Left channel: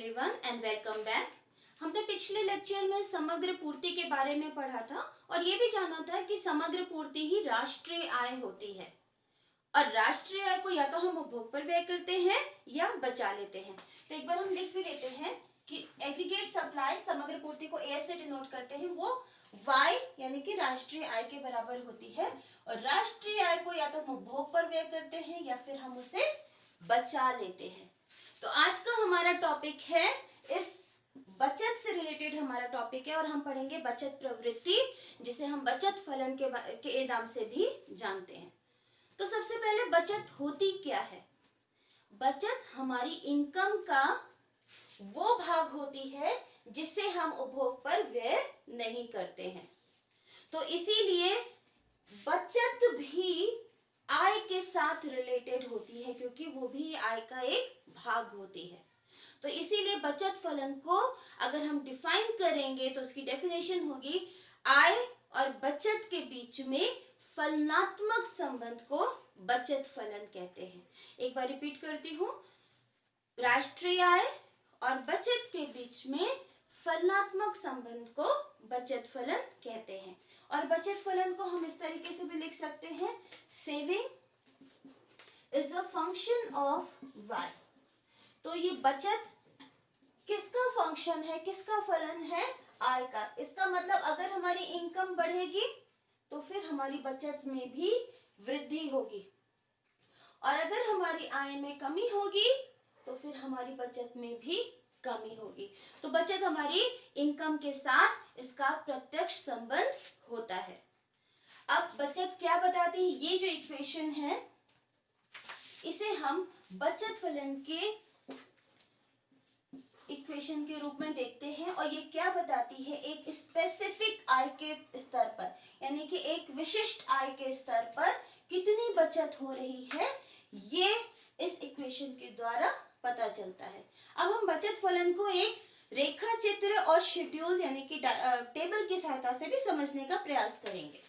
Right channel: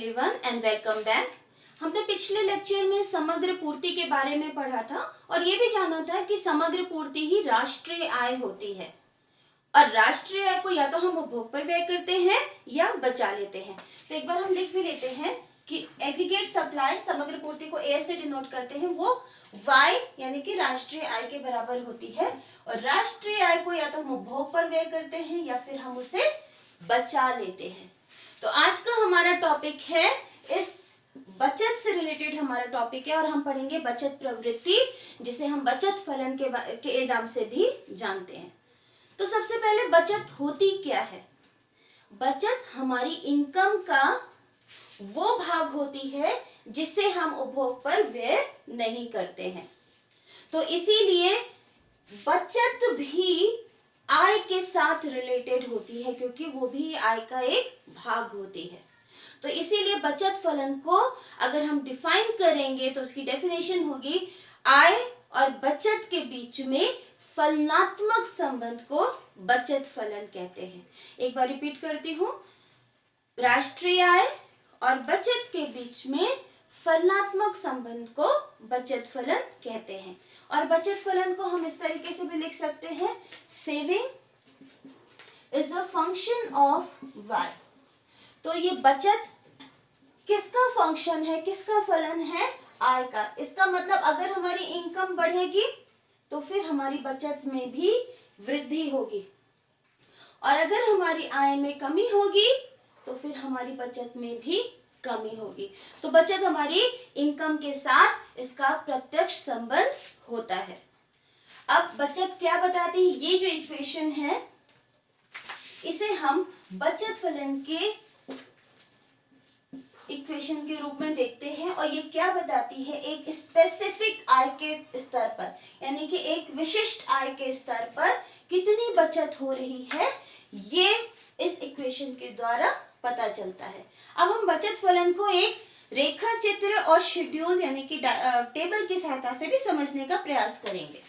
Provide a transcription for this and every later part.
Everyone and welcome back. हमने पिछले lecture में समग्र पूर्ति के बारे में पढ़ा था और ये भी जाना था कि समग्र पूर्ति ही राष्ट्रीय आय होती है और राष्ट्रीय आय को या तो हम उपभोग पर व्यय करते हैं या बचा लेते हैं। तो एक बार हम लिख भी लेते हैं कि एग्रीगेट सप्लाई समग्र पूर्ति को ए से डिनोट करते हैं, वो वाई यानी कि राष्ट्रीय आय के बराबर होती है और राष्ट्रीय आय को या तो हम उपभोग पर व्यय करते हैं या फिर हम उसे बचा लेते हैं। तो आज का हमारा टॉपिक है, इस बचत से रिलेटेड हमारा टॉपिक है और हम पढ़ेंगे बचत प्रवृत्ति, जिसे हम बचत फलन के नाम से भी जानते हैं। तो सबसे पहले बचत होती क्या है? बचत हमारी इनकम का वो भाग होती है जिसे हम उपभोग पर व्यय नहीं करते हैं। तो इसीलिए बचत भी आय के साथ रिलेटेड होती है क्योंकि वो भी आय का एक भाग होती है। तो इसीलिए बचत फलन को अगर हम डिफाइन करेंगे तो उसकी डेफिनेशन होगी, आय और बचत के बीच में फलनात्मक संबंध को बचत फलन कहते हैं। एक बार रिपीट करती हूँ, राष्ट्रीय आय और बचत के बीच में फलनात्मक संबंध को बचत फलन कहते हैं। और बचत फलन को हम इस तरीके से भी लिख सकते हैं, saving is a function of y. तो ये बचत किसका फंक्शन है, किसका फलन है? आय का। इसका मतलब अगर हमारी इनकम बढ़ेगी तो फिर हमारी बचत में भी वृद्धि होगी और अगर हमारी आय में कमी होगी तो फिर हमारी बचत में भी कमी होगी। तो बचत हमारी इनकम के साथ इसका प्रत्यक्ष संबंध होता है। अब बचत क्या बताती है? ये जो इक्वेशन है इसे हम बचत फलन के इक्वेशन के रूप में देखते हैं और ये क्या बताती है, एक स्पेसिफिक आय के स्तर पर यानी कि एक विशिष्ट आय के स्तर पर कितनी बचत हो रही है, ये इस इक्वेशन के द्वारा पता चलता है। अब हम बचत फलन को एक रेखा चित्र और शेड्यूल यानी कि टेबल की सहायता से भी समझने का प्रयास करेंगे।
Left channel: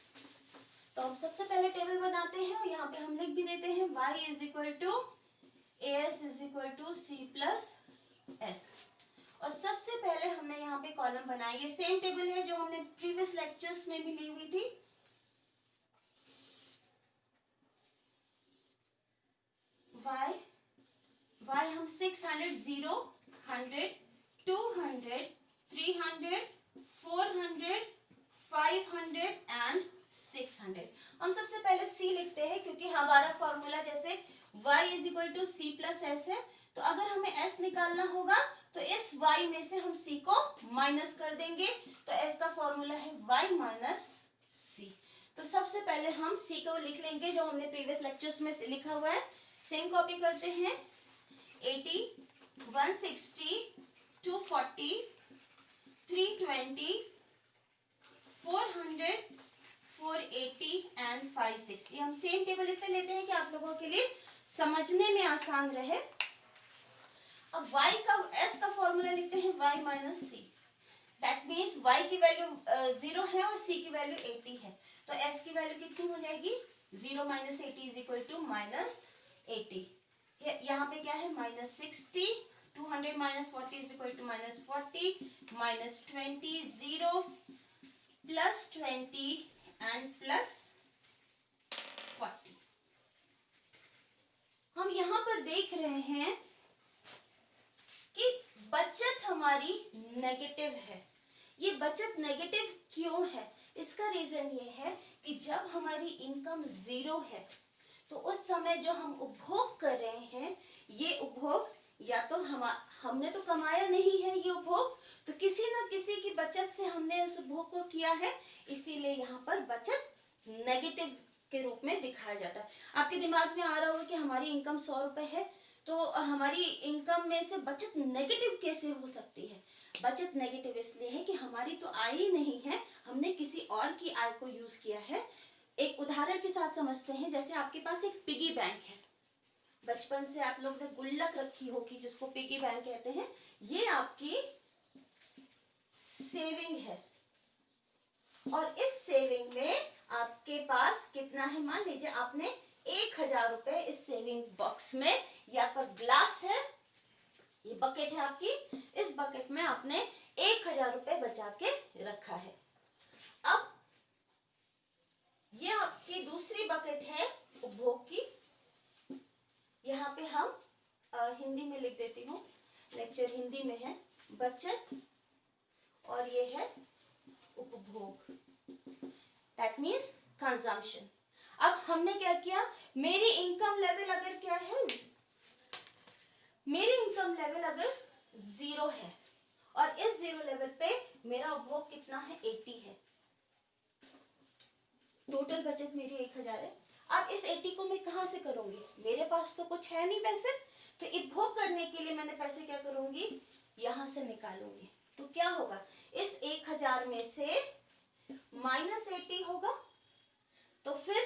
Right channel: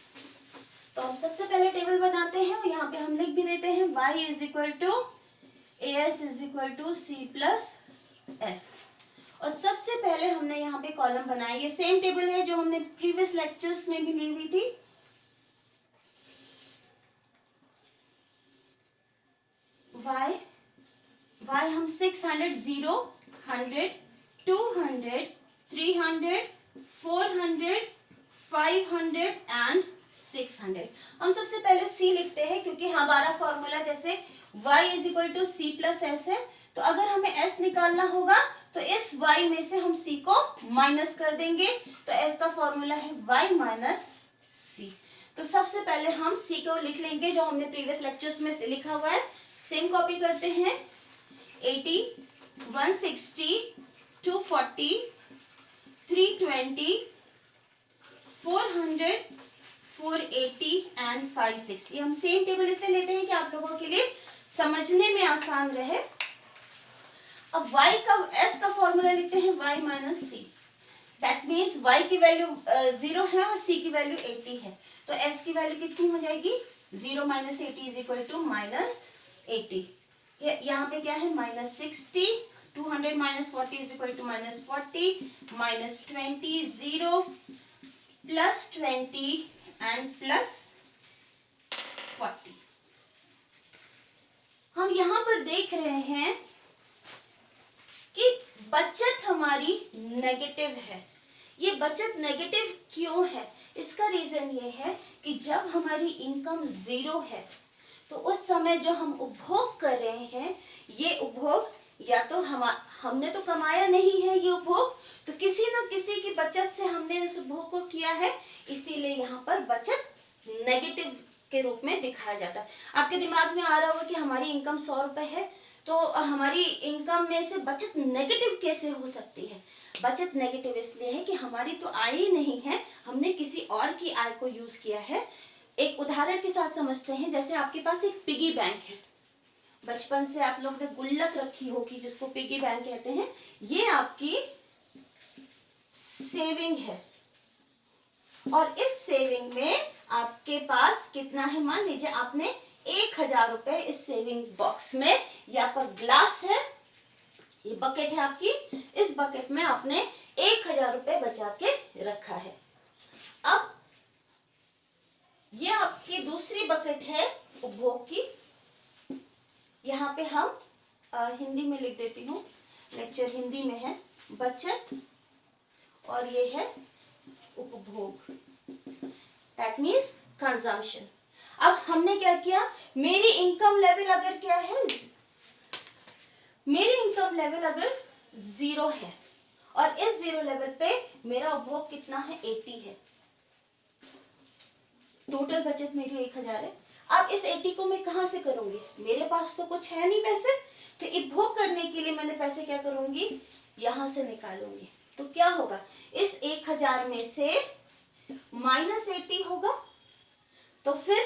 तो हम सबसे पहले टेबल बनाते हैं और यहाँ पे हम लिख भी देते हैं y is equal to as is equal to c plus s। और सबसे पहले हमने यहाँ पे कॉलम बनाया, ये सेम टेबल है जो हमने प्रीवियस लेक्चर्स में भी ली हुई थी। y हम 600, 0, 100, 200, 300, 400, 500 एंड 600। हम सबसे पहले c लिखते हैं क्योंकि हमारा फॉर्मूला जैसे y is equal to C plus S है, तो अगर हमें s निकालना होगा तो इस y में से हम c को माइनस कर देंगे, तो s का फॉर्मूला है y माइनस c। तो सबसे पहले हम c को लिख लेंगे जो हमने प्रीवियस लेक्चर्स में लिखा हुआ है। सेम कॉपी करते हैं, 80, 160, 240, 320, 400, 480 एंड 560। हम सेम टेबल इसलिए लेते हैं कि आप लोगों के लिए समझने में आसान रहे। अब y का s का फॉर्मूला लिखते हैं y minus c। That means y की वैल्यू 0 है और c की वैल्यू 80 है, तो s की वैल्यू कितनी हो जाएगी? 0 minus 80 is equal to minus 80। यहाँ पे क्या है? Minus 60, 200 minus 40 is equal to minus 40, minus 20, 0 plus 20 and plus 40। हम यहाँ पर देख रहे हैं कि बचत हमारी नेगेटिव है। ये बचत नेगेटिव क्यों है? इसका रीजन ये है कि जब हमारी इनकम 0 है तो उस समय जो हम उपभोग कर रहे हैं, ये उपभोग या तो हमने तो कमाया नहीं है, ये उपभोग तो किसी न किसी की बचत से हमने इस उपभोग को किया है, इसीलिए यहाँ पर बचत नेगेटिव के रूप में दिखाया जाता है। आपके दिमाग में आ रहा होगा कि हमारी इनकम 100 रुपए है तो हमारी इनकम में से बचत नेगेटिव कैसे हो सकती है? बचत नेगेटिव इसलिए है कि हमारी तो आय ही नहीं है, हमने किसी और की आय को यूज किया है। एक उदाहरण के साथ समझते हैं, जैसे आपके पास एक पिगी बैंक है, बचपन से आप लोग ने गुल्लक रखी होगी जिसको पिगी बैंक कहते हैं, ये आपकी सेविंग है और इस सेविंग में आपके पास कितना है? मान लीजिए आपने 1000 रुपए इस सेविंग बॉक्स में, यहाँ पर ग्लास है ये बकेट है आपकी, इस बकेट में आपने 1000 रुपए बचा के रखा है। अब ये आपकी दूसरी बकेट है उपभोग की। यहाँ पे हम हिंदी में लिख देती हूँ, लेक्चर हिंदी में है, बचत, और ये है उपभोग, दैट मीन्स कंजम्पशन। अब हमने क्या किया, मेरी इनकम लेवल अगर क्या है, मेरी इनकम लेवल अगर 0 है और इस 0 लेवल पे मेरा उपभोग कितना है, 80 है, टोटल बचत मेरी 1000 है। अब इस 80 को मैं कहां से करूंगी, मेरे पास तो कुछ है नहीं पैसे, तो उपभोग करने के लिए मैंने पैसे क्या करूंगी, यहां से निकालूंगी। तो क्या होगा, इस 1000 में से -80 होगा, तो फिर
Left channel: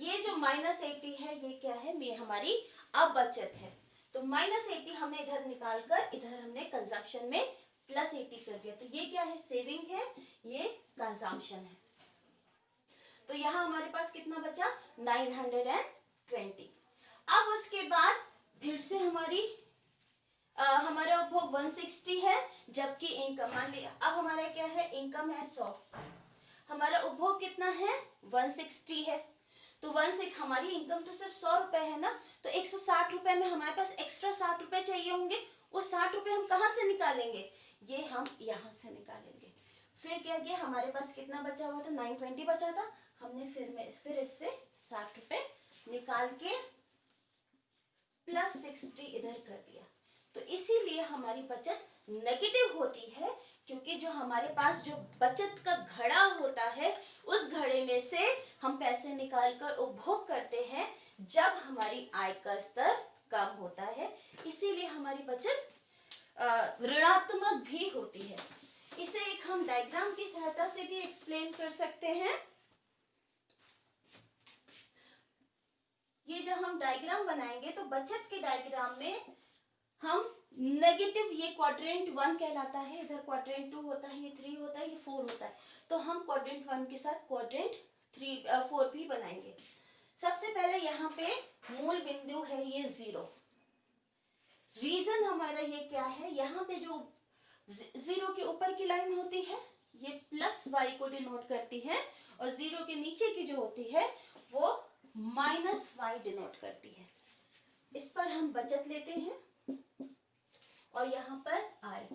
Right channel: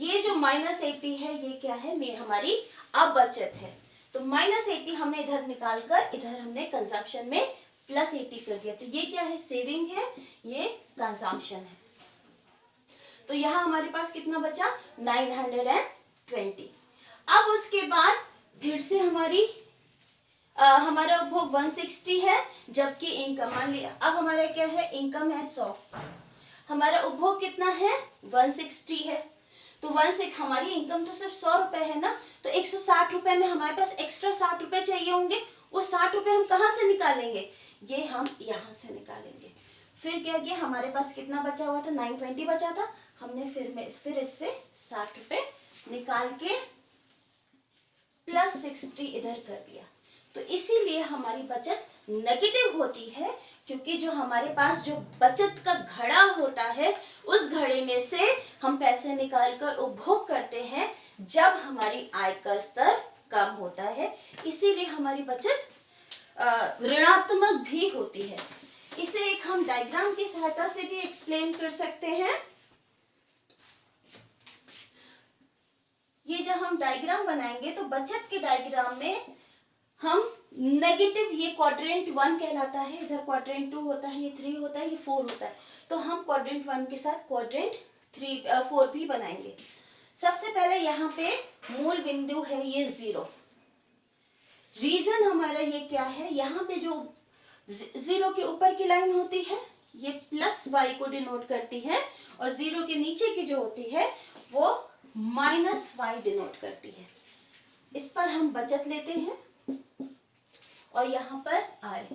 ये जो -80 है ये क्या है, ये हमारी अब बचत है। तो -80 हमने इधर निकालकर इधर हमने कंजम्पशन में +80 कर दिया। तो ये क्या है, सेविंग है, ये कंजम्पशन है। तो यहाँ हमारे पास कितना बचा, 920। अब उसके बाद फिर से हमारा उपभोग 160 है, जबकि इनकम, मान लिया अब हमारा क्या है, इनकम है 100, हमारा उपभोग कितना है, 160 है। तो 16 हमारी इनकम तो सिर्फ 100 रुपए है ना, तो 160 रुपए में हमारे पास एक्स्ट्रा 60 रुपए चाहिए होंगे। वो 60 रुपए हम कहाँ से निकालेंगे, ये हम यहाँ से निकालेंगे। फिर क्या किया, हमारे पास कितना बचा हुआ था, 920 बचा था, हमने फिर इससे 60 रुपए निकाल के +60 इधर कर दिया। तो इसीलिए हमारी बचत नेगेटिव होती है, क्योंकि जो हमारे पास जो बचत का घड़ा होता है, उस घड़े में से हम पैसे निकालकर उपभोग करते हैं जब हमारी आय का स्तर कम होता है। इसीलिए हमारी बचत ऋणात्मक भी होती है। इसे एक हम डायग्राम की सहायता से भी एक्सप्लेन कर सकते हैं। ये जब हम डायग्राम बनाएंगे तो बचत के डायग्राम में हम नेगेटिव, ये क्वाड्रेंट 1 कहलाता है, इधर क्वाड्रेंट 2 होता है, ये 3 होता है, ये 4 होता है। तो हम क्वाड्रेंट 1 के साथ क्वाड्रेंट 4 भी बनाएंगे। सबसे पहले यहाँ पे मूल बिंदु है ये 0। रीजन हमारा ये क्या है, यहाँ पे जो 0 के ऊपर की लाइन होती है ये +y को डिनोट करती है, और 0 के नीचे की जो होती है वो -y डिनोट करती है। इस पर हम बचत लेते हैं और यहाँ पर आय।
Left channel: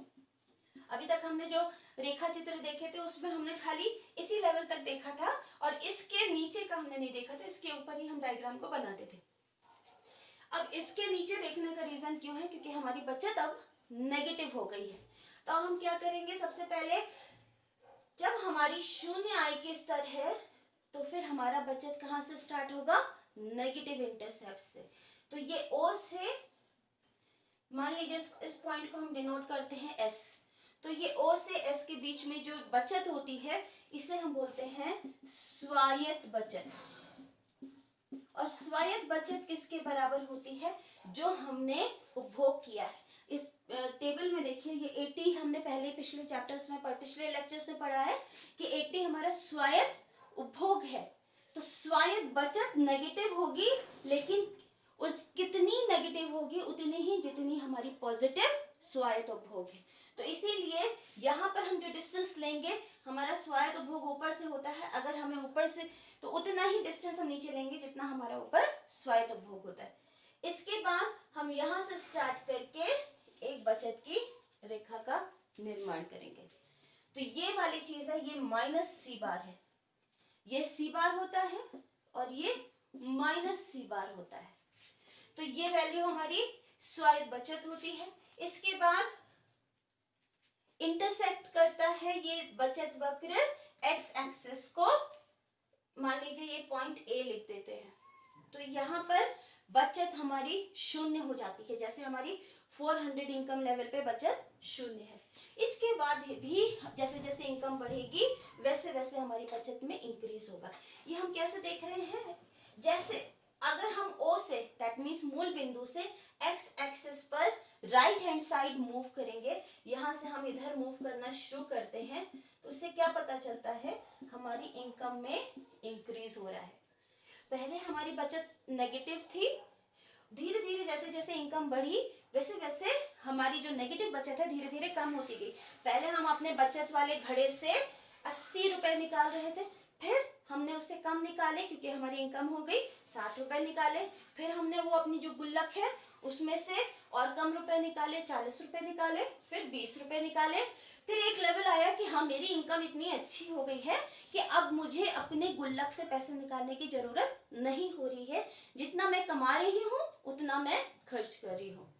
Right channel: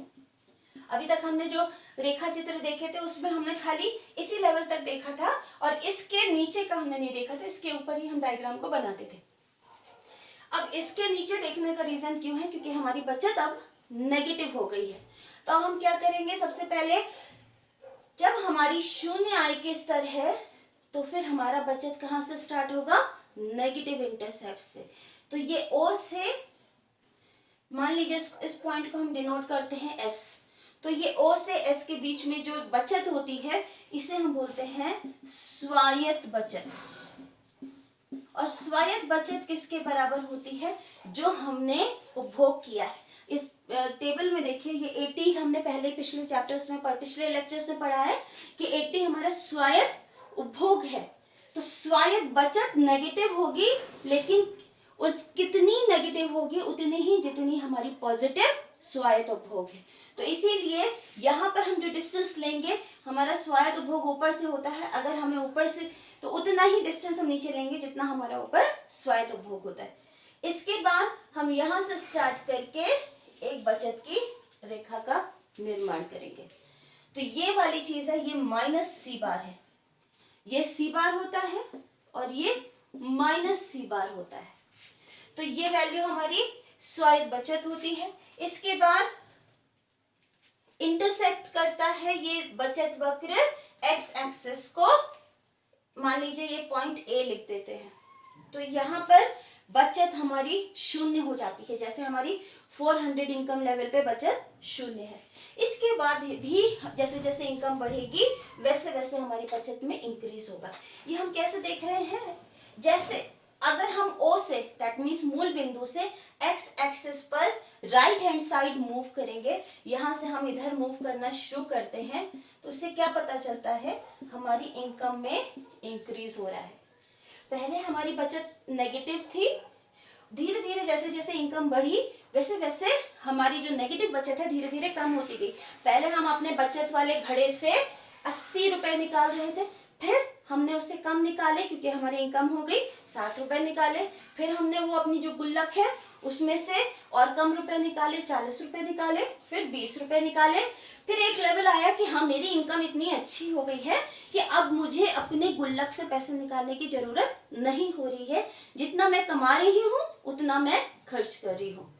अभी तक हमने जो रेखा चित्र देखे थे उसमें हमने खाली इसी लेवल तक देखा था, और इसके नीचे का हमने नहीं देखा था, इसके ऊपर ही हम डायग्राम को बनाते थे। अब इसके नीचे देखने का रीजन क्यों है, क्योंकि हमारी बचत अब नेगेटिव हो गई है। तो हम क्या करेंगे, सबसे पहले जब हमारी 0 आय के स्तर है तो फिर हमारा बचत कहाँ से स्टार्ट होगा, नेगेटिव इंटरसेप्ट से। तो ये O से, मान लीजिए इस पॉइंट को हम डिनोट करते हैं S, तो ये O से S के बीच में जो बचत होती है इसे हम बोलते हैं स्वायत्त बचत। और स्वायत्त बचत किसके बराबर होती है, जो हमने उपभोग किया है। इस टेबल में देखिए, ये 80 हमने पहले पिछले चैप्टर्स में पिछले लेक्चर्स में पढ़ा है कि 80 हमारा स्वायत्त उपभोग है। तो स्वायत्त बचत नेगेटिव होगी, लेकिन उस कितनी नेगेटिव होगी, उतनी ही जितनी हमारी पॉजिटिव स्वायत्त उपभोग है। तो इसीलिए यहाँ पर हम जो डिस्टेंस लेंगे, हमारा स्वायत्त उपभोग ऊपर से होता है, अगर हमें ऊपर से, तो उतना ही डिस्टेंस हम नीचे लेंगे जितना हमारा ऊपर स्वायत्त उपभोग होता है। इसके बाद हम यहाँ से स्टार्ट करके एक बचत की रेखा का निर्माण करेंगे। तो ये वाली चीज है, ये -C है, ये C होता है और ये -C होता है। तो ये वैल्यू हमारी स्वायत्त बचत होती है। इसके बाद इंटरसेक्ट करता है ये बचत वक्र x एक्सिस को, मान लीजिए ये पॉइंट A लिख देते हैं। तो यहाँ पर बचत हमारी 0 हो जाती है, जैसे हमारी 400 इनकम लेवल पे बचत 0 है। इसके बाद भी जैसे जैसे इनकम बढ़ेगी वैसे वैसे हमारी बचत में इंक्रीज होगा। ये हम कैसे देख रहे हैं, जैसे अगर हम O से, दैट मीन्स मूल बिंदु से x एक्सिस पर राइट हैंड साइड मूव करेंगे, यहाँ से हम इधर मूव करना शुरू करते हैं, तो उससे क्या पता चलता है, हमारी इनकम में इंक्रीज हो रहा है। पहले हमारी बचत नेगेटिव थी, धीरे धीरे जैसे जैसे इनकम बढ़ी वैसे वैसे हमारी जो नेगेटिव बचत है धीरे धीरे कम होती गई। पहले हम अपने बचत वाले घड़े से 80 रुपए निकाल रहे थे, फिर हमने उससे कम निकाले क्योंकि हमारी इनकम हो गई, 60 रुपए निकाले। फिर हमने वो अपनी जो गुल्लक है उसमें से और कम रुपए निकाले, 40 रुपए निकाले, फिर 20 रुपए निकाले। फिर एक लेवल आया कि हाँ मेरी इनकम इतनी अच्छी हो गई है कि अब मुझे अपने गुल्लक से पैसे निकालने की जरूरत नहीं हो रही है, जितना मैं कमा रही हूँ उतना मैं खर्च कर रही हूँ।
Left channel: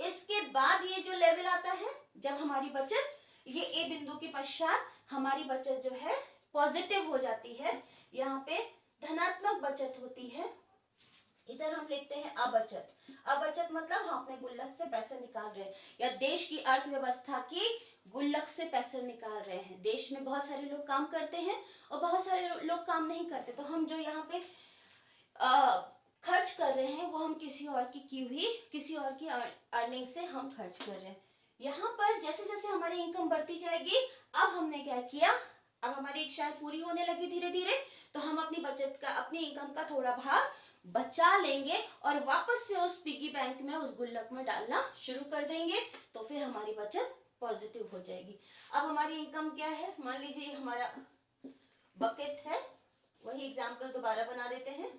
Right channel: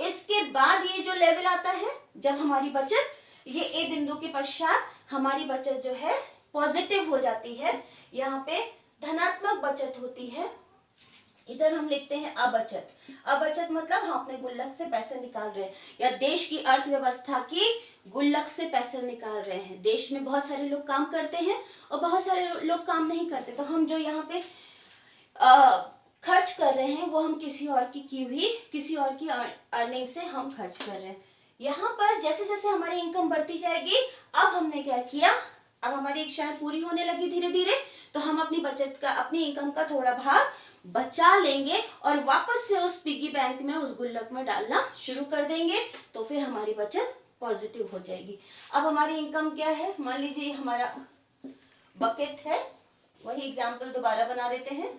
इसके बाद ये जो लेवल आता है जब हमारी बचत, ये ए बिंदु के पश्चात हमारी बचत जो है पॉजिटिव हो जाती है, यहाँ पे धनात्मक बचत होती है। इधर हम लिखते हैं अबचत। अबचत मतलब हम अपने गुल्लक से पैसे निकाल रहे हैं या देश की अर्थव्यवस्था की गुल्लक से पैसे निकाल रहे हैं। देश में बहुत सारे लोग काम करते हैं और बहुत सारे लोग काम नहीं करते, तो हम जो यहाँ पे खर्च कर रहे हैं वो हम किसी और की अर्निंग से हम खर्च कर रहे हैं। यहाँ पर जैसे जैसे हमारी इनकम बढ़ती जाएगी, अब हमने क्या किया, अब हमारी इच्छाएं पूरी होने लगी धीरे धीरे, तो हम अपनी बचत का, अपनी इनकम का थोड़ा भाग बचा लेंगे और वापस से उस पिगी बैंक में, उस गुल्लक में डालना शुरू कर देंगे, तो फिर हमारी बचत पॉजिटिव हो जाएगी। अब हमारी इनकम क्या है, मान लीजिए हमारा बकेट है, वही एग्जाम्पल दोबारा बना देते हैं।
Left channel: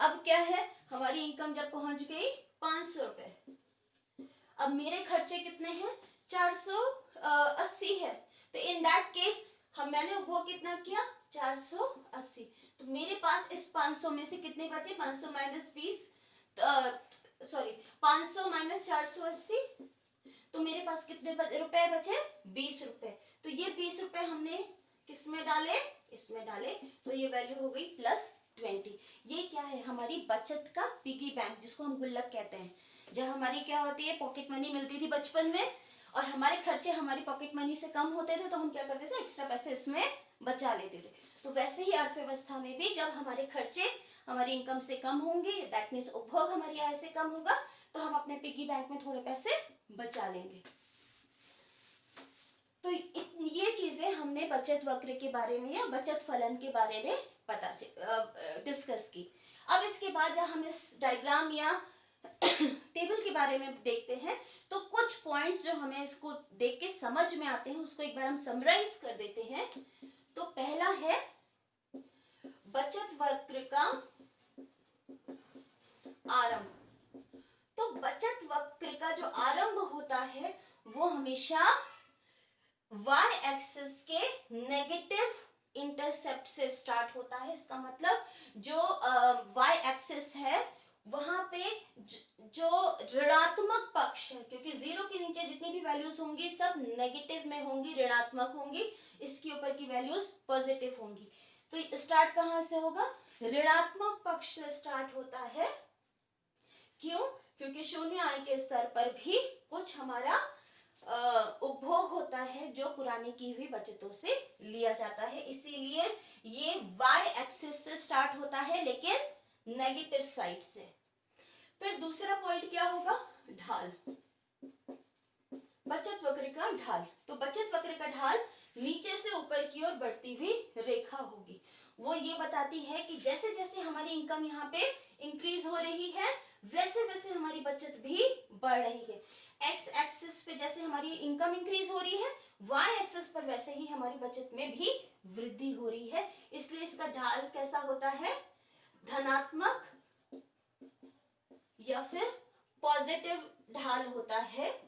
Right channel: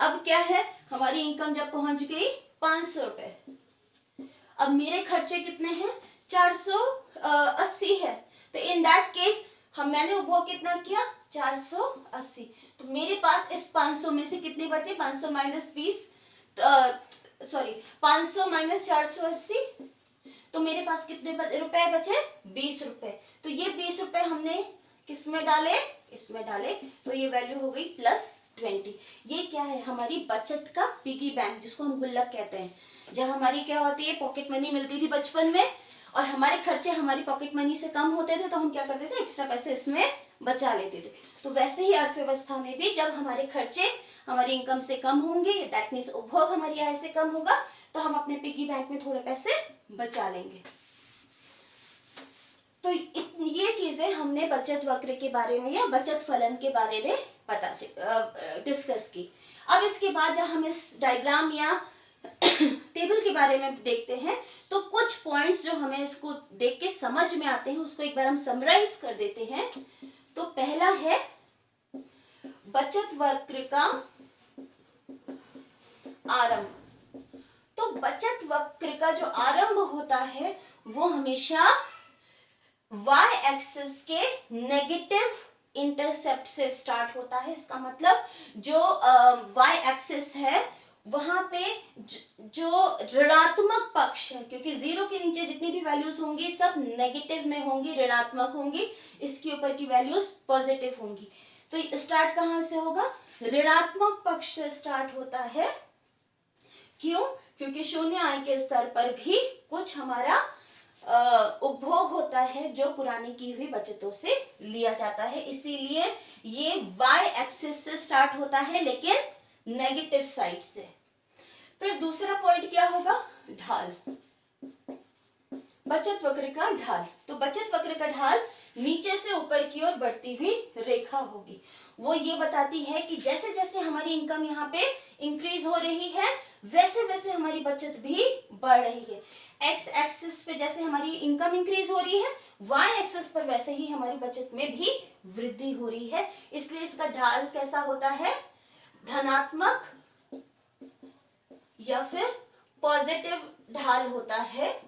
अब क्या है, हमारी इनकम जब पहुंच गई 500 रुपए, अब मेरे खर्चे कितने हैं, 480 है, तो इन दैट केस मैंने उपभोग कितना किया, 480। तो मेरे पास इस 500 में से कितने बचे, 500 माइनस 20, सॉरी 500 माइनस 480, तो मेरे पास कितने रुपए बचे, 20 रुपए। तो ये 20 रुपए हमने किस में डाले, इसमें डाले, तो ये वैल्यू हो गई +20। ये क्या है, हमारी बचत का पिगी बैंक, जिसको हम गुल्लक कहते हैं। जब हमारी क्या होती है, पॉकेट मनी मिलती थी बचपन में और हमारे खर्चे हमारी पॉकेट मनी से कम होते थे, तो हम क्या करते थे, एक्स्ट्रा पैसे इसमें बचा लेते थे। तो वैसे ही अर्थव्यवस्था में भी जब हमारे खर्चे हमारी इनकम से कम होंगे, दैट मीन्स उपभोग हमारी आय से कम होगा, तो हम अपने पिगी बैंक में थोड़े पैसे बचा लेंगे। तो ये चीजें हमने बचत वक्र के बारे में या बचत फलन के बारे में डिस्कस की। अब इसके बाद जब हम इस डायग्राम या टेबल के बारे में देखते हैं, तो कुछ पॉइंट्स जो हमें इसको देख के समझ में आते हैं, उसको एक बार हम समराइज कर देते हैं। तो पहला है बचत वक्र का आरंभ। तो बचत वक्र का जो आरंभ होता है वो हमेशा y एक्सिस के नेगेटिव इंटरसेप्ट से स्टार्ट होता है। इसका मतलब जो y एक्सिस है वहां पे जो ऋणात्मक पक्ष है, क्योंकि 0 के नीचे जितनी भी वैल्यूज होंगी सब नेगेटिव में होंगी, ऋणात्मक होंगी, इसके ऊपर की वैल्यूज पॉजिटिव होंगी। तो स्टार्ट कहां से होगा, ऋणात्मक पक्ष से स्टार्ट होता है। क्यों, क्योंकि शून्य आय के स्तर पर भी कुछ हमारा उपभोग होता है जो पुरानी की हुई बचतों से लिया जाता है, इसीलिए ये y एक्सिस से स्टार्ट होता है लेकिन नेगेटिव साइड से। फिर दूसरा पॉइंट क्या होगा, ढाल, बचत वक्र का ढाल। तो बचत वक्र का ढाल नीचे से ऊपर की ओर बढ़ती हुई रेखा होगी। वो ये बताती है कि जैसे जैसे हमारी इनकम यहाँ पे इंक्रीज हो रही है वैसे वैसे हमारी बचत भी बढ़ रही है। एक्स एक्सिस पे जैसे हमारी इनकम इंक्रीज हो रही है, वाई एक्सिस पर वैसे ही हमारी बचत में भी वृद्धि हो रही है। इसलिए इसका ढाल कैसा होता है, धनात्मक या फिर पॉजिटिव ढाल होता है,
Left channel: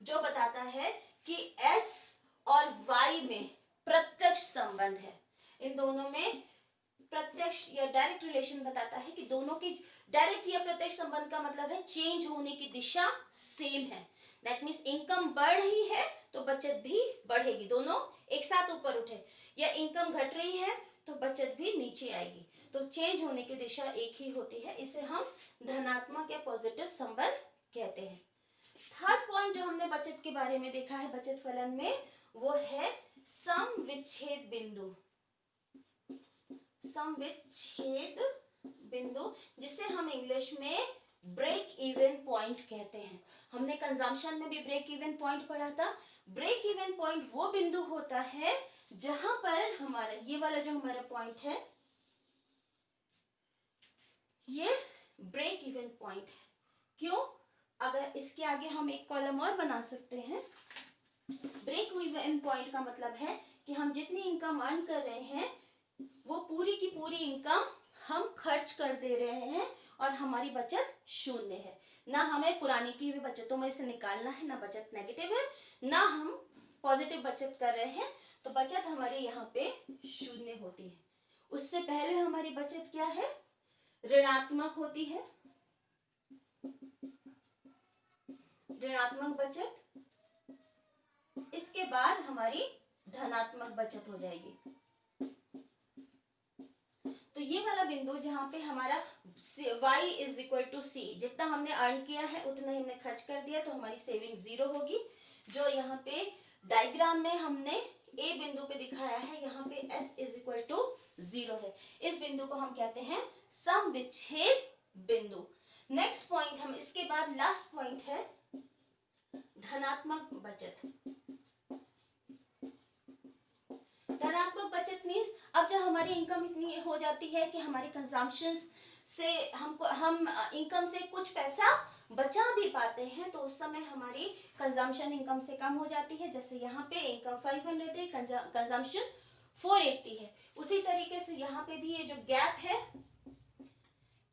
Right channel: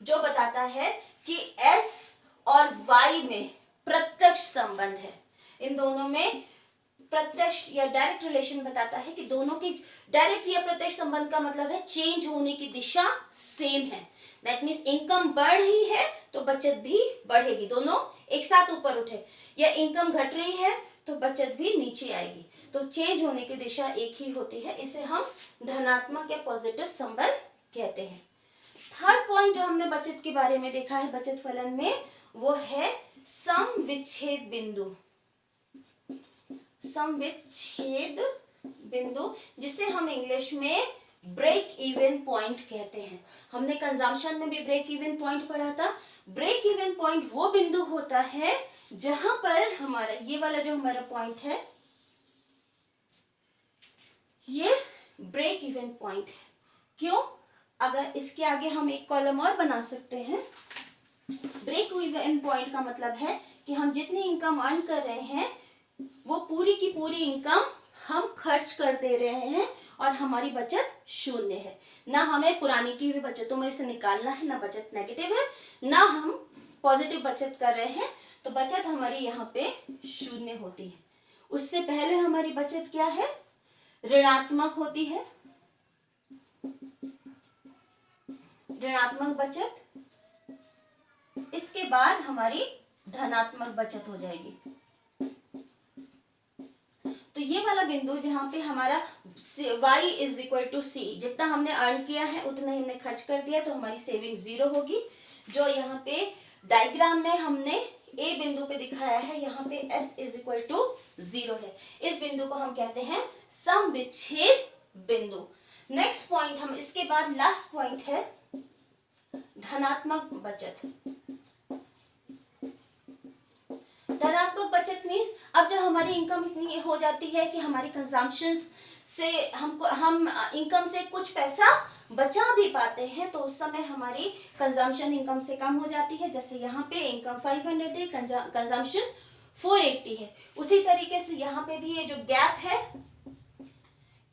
जो बताता है कि S और Y में प्रत्यक्ष संबंध है। इन दोनों में प्रत्यक्ष या डायरेक्ट रिलेशन बताता है कि दोनों की डायरेक्ट या प्रत्यक्ष संबंध का मतलब है चेंज होने की दिशा सेम है। दैट मीन्स इनकम बढ़ रही है तो बचत भी बढ़ेगी, दोनों एक साथ ऊपर उठे, या इनकम घट रही है तो बचत भी नीचे आएगी, तो चेंज होने की दिशा एक ही होती है। इसे हम धनात्मक या पॉजिटिव संबंध कहते हैं। थर्ड पॉइंट जो हमने बचत के बारे में देखा है बचत फलन में, वो है सम विच्छेद बिंदु। सम विच्छेद बिंदु, जिसे हम इंग्लिश में ब्रेक इवन पॉइंट कहते हैं। हमने कंजम्पशन में भी ब्रेक इवन पॉइंट पढ़ा था। ब्रेक इवन पॉइंट वो बिंदु होता है जहां पर हमारा ये वाला जो हमारा पॉइंट है, ये ब्रेक इवन पॉइंट है। क्यों, अगर इसके आगे हम एक कॉलम और बना सकते हैं। ब्रेक इवन पॉइंट का मतलब है कि हम जितनी इनकम अर्न कर रहे हैं वो पूरी की पूरी इनकम हम खर्च कर दे रहे हैं और हमारी बचत शून्य है। ना हमें पुरानी की भी बचतों में से निकालना है, ना बचत नेगेटिव है, ना हम पॉजिटिव बचत कर रहे हैं, तो बचत हमारी यहाँ पे शून्य होती है। उससे पहले हमारी बचत क्या है? ऋणात्मक होती है, ऋणात्मक बचत। इसके बाद हमारी धनात्मक बचत हो जाएगी। तो ये वाला बिंदु जहां पे हमारा y इज इक्वल टू सी, जितना हमने अर्न किया है उतना ही हमने खर्च कर दिया, तो हमारी सेविंग 0 होगी। जो यहाँ पे डायग्राम में हमने ए बिंदु पे दिखाया है, यहाँ पे s इज इक्वल टू 0 है। इस बिंदु को हम कहते हैं सम विच्छेद बिंदु। नेक्स्ट पॉइंट, हम इसके बाद लास्ट पॉइंट है धनात्मक बचत। धनात्मक बचत मीन्स अब जब हमारी इनकम इतनी हो जाती है कि हमारी कंजम्पशन से हम इनकम से कुछ पैसा बचा भी पाते हैं, तो उस समय हमारी कंजम्पशन इनकम से कम हो जाती है। जैसे यहाँ पे इनकम 500 है, कंजम्पशन 480 है। उसी तरीके से यहाँ पे भी ये जो गैप है,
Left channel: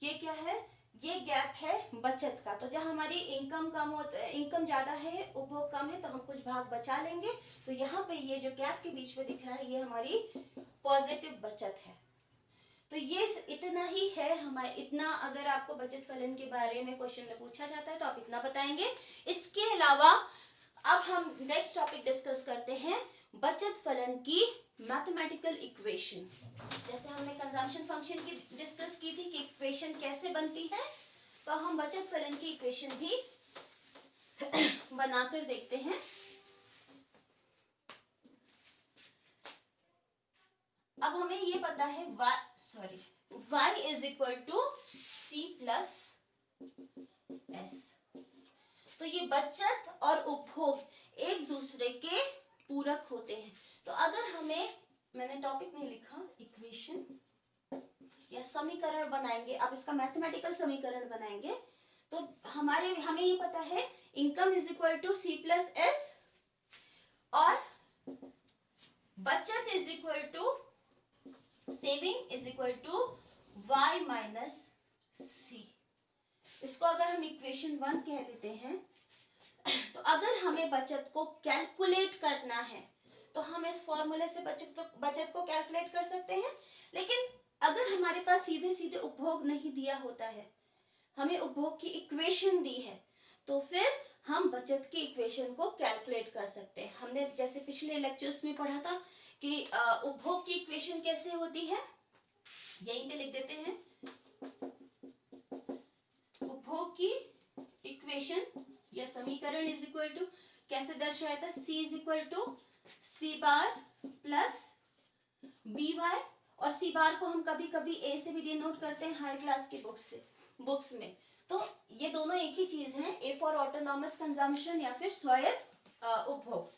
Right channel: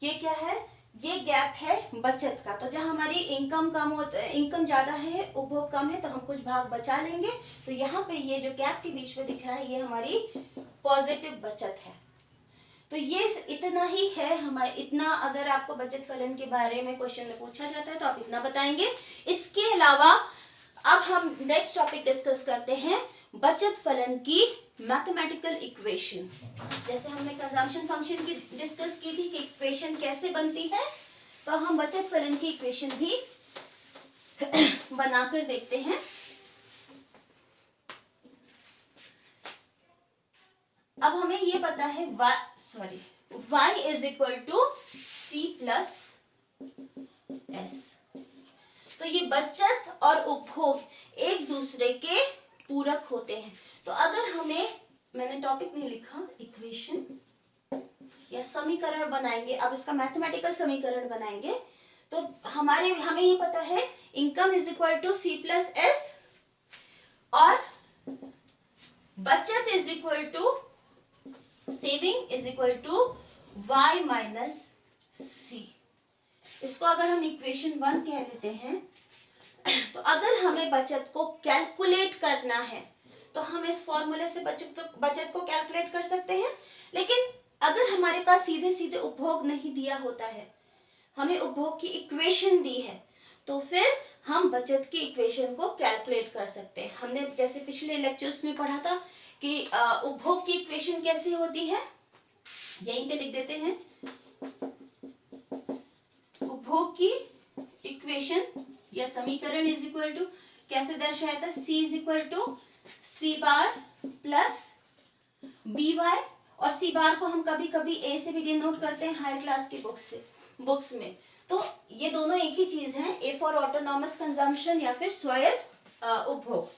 ये क्या है? ये गैप है बचत का। तो जब हमारी इनकम कम हो, इनकम ज्यादा है, उपभोग कम है, तो हम कुछ भाग बचा लेंगे। तो यहाँ पे ये जो गैप के बीच में दिख रहा है, ये हमारी पॉजिटिव बचत है। तो ये इतना ही है हमारे, इतना अगर आपको बचत फलन के बारे में क्वेश्चन में पूछा जाता है तो आप इतना बताएंगे। इसके अलावा अब हम नेक्स्ट टॉपिक डिस्कस करते हैं बचत फलन की मैथमेटिकल इक्वेशन। जैसे हमने कंजम्पशन फंक्शन की डिस्कस की थी कि इक्वेशन कैसे बनती है, तो हम बचत फलन की इक्वेशन भी बनाकर देखते हैं। अब हमें ये पता है y is equal to C plus s. तो ये बचत और उपभोग एक दूसरे के पूरक होते हैं। तो अगर हमें, मैंने टॉपिक नहीं लिखा, इक्वेशन या समीकरण बनाएंगे, अब इसका मैथमेटिकल समीकरण बनाएंगे, तो हमें ये पता है income is equal to C plus s और बचत is equal to, saving is equal to y minus c. इसको अगर हम इक्वेशन 1 कह लेते हैं, तो अगर हमें बचत को कैलकुलेट करना है तो हम इस फॉर्मूले से बचत को कैलकुलेट कर सकते हैं। लेकिन अगर हमारे पास सीधे सीधे उपभोग नहीं दिया होता है, हमें उपभोग की इक्वेशन दी है, तो फिर हम बचत की इक्वेशन को कैलकुलेट कर सकते हैं। हमने जैसे पिछले लेक्चर्स में पढ़ा था कि उपभोग की इक्वेशन कैसे होती है, यहीं पे लिख देते हैं। उपभोग की इक्वेशन या समीकरण इज इक्वल टू कैसे दर्शाया था? C is equal to C bar plus B y, और सी बार को हम कभी कभी ए से भी डिनोट करते हैं हायर क्लास की बुक्स में। तो ये दोनों एक ही चीज है, ए फॉर ऑटोनॉमस कंजम्पशन या फिर स्वायत्त उपभोग।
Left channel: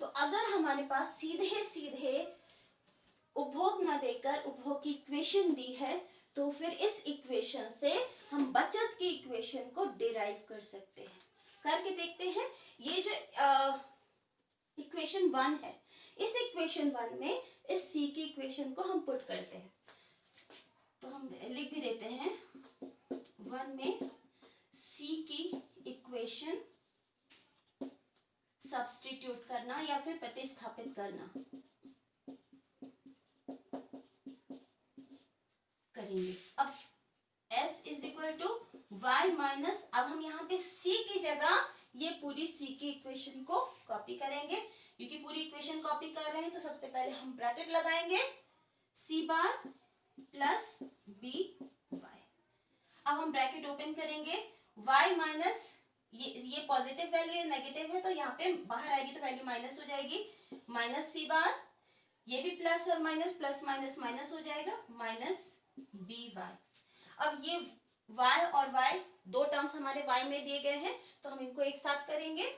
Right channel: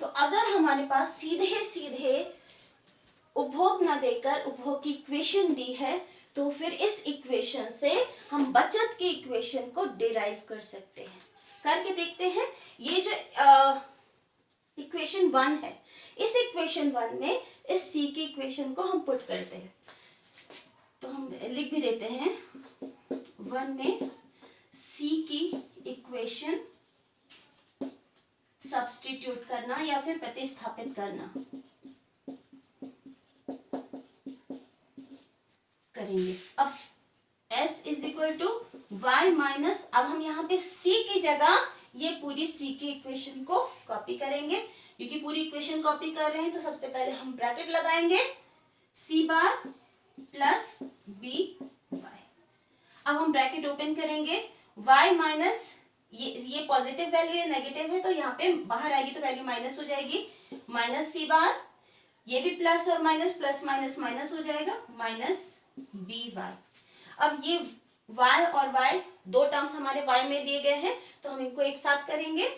तो अगर हमारे पास सीधे सीधे उपभोग ना देकर उपभोग की इक्वेशन दी है, तो फिर इस इक्वेशन से हम बचत की इक्वेशन को डिराइव कर सकते हैं। करके देखते हैं। ये जो इक्वेशन 1 है, इस इक्वेशन 1 में इस सी की इक्वेशन को हम पुट करते हैं। तो हम लिख भी देते हैं 1 में सी की इक्वेशन सब्स्टिट्यूट करना या फिर प्रतिस्थापित करना करेंगे। अब s is equal to Y minus, अब हम यहाँ पे c की जगह ये पूरी c की इक्वेशन को कॉपी करेंगे। क्योंकि पूरी इक्वेशन कॉपी कर रहे हैं तो सबसे पहले हम ब्रैकेट लगाएंगे, c बार प्लस बी वाई। अब हम ब्रैकेट ओपन करेंगे, y माइनस ये पॉजिटिव वैल्यू है, नेगेटिव है, तो यहाँ पे बाहर आएगी तो वैल्यू माइनस हो जाएगी, माइनस सी बार, ये भी प्लस और माइनस, प्लस माइनस माइनस हो जाएगा, माइनस बी वाई। अब ये y और y दो टर्म्स हमारे y में दिए गए हैं, तो हम इनको एक साथ करेंगे,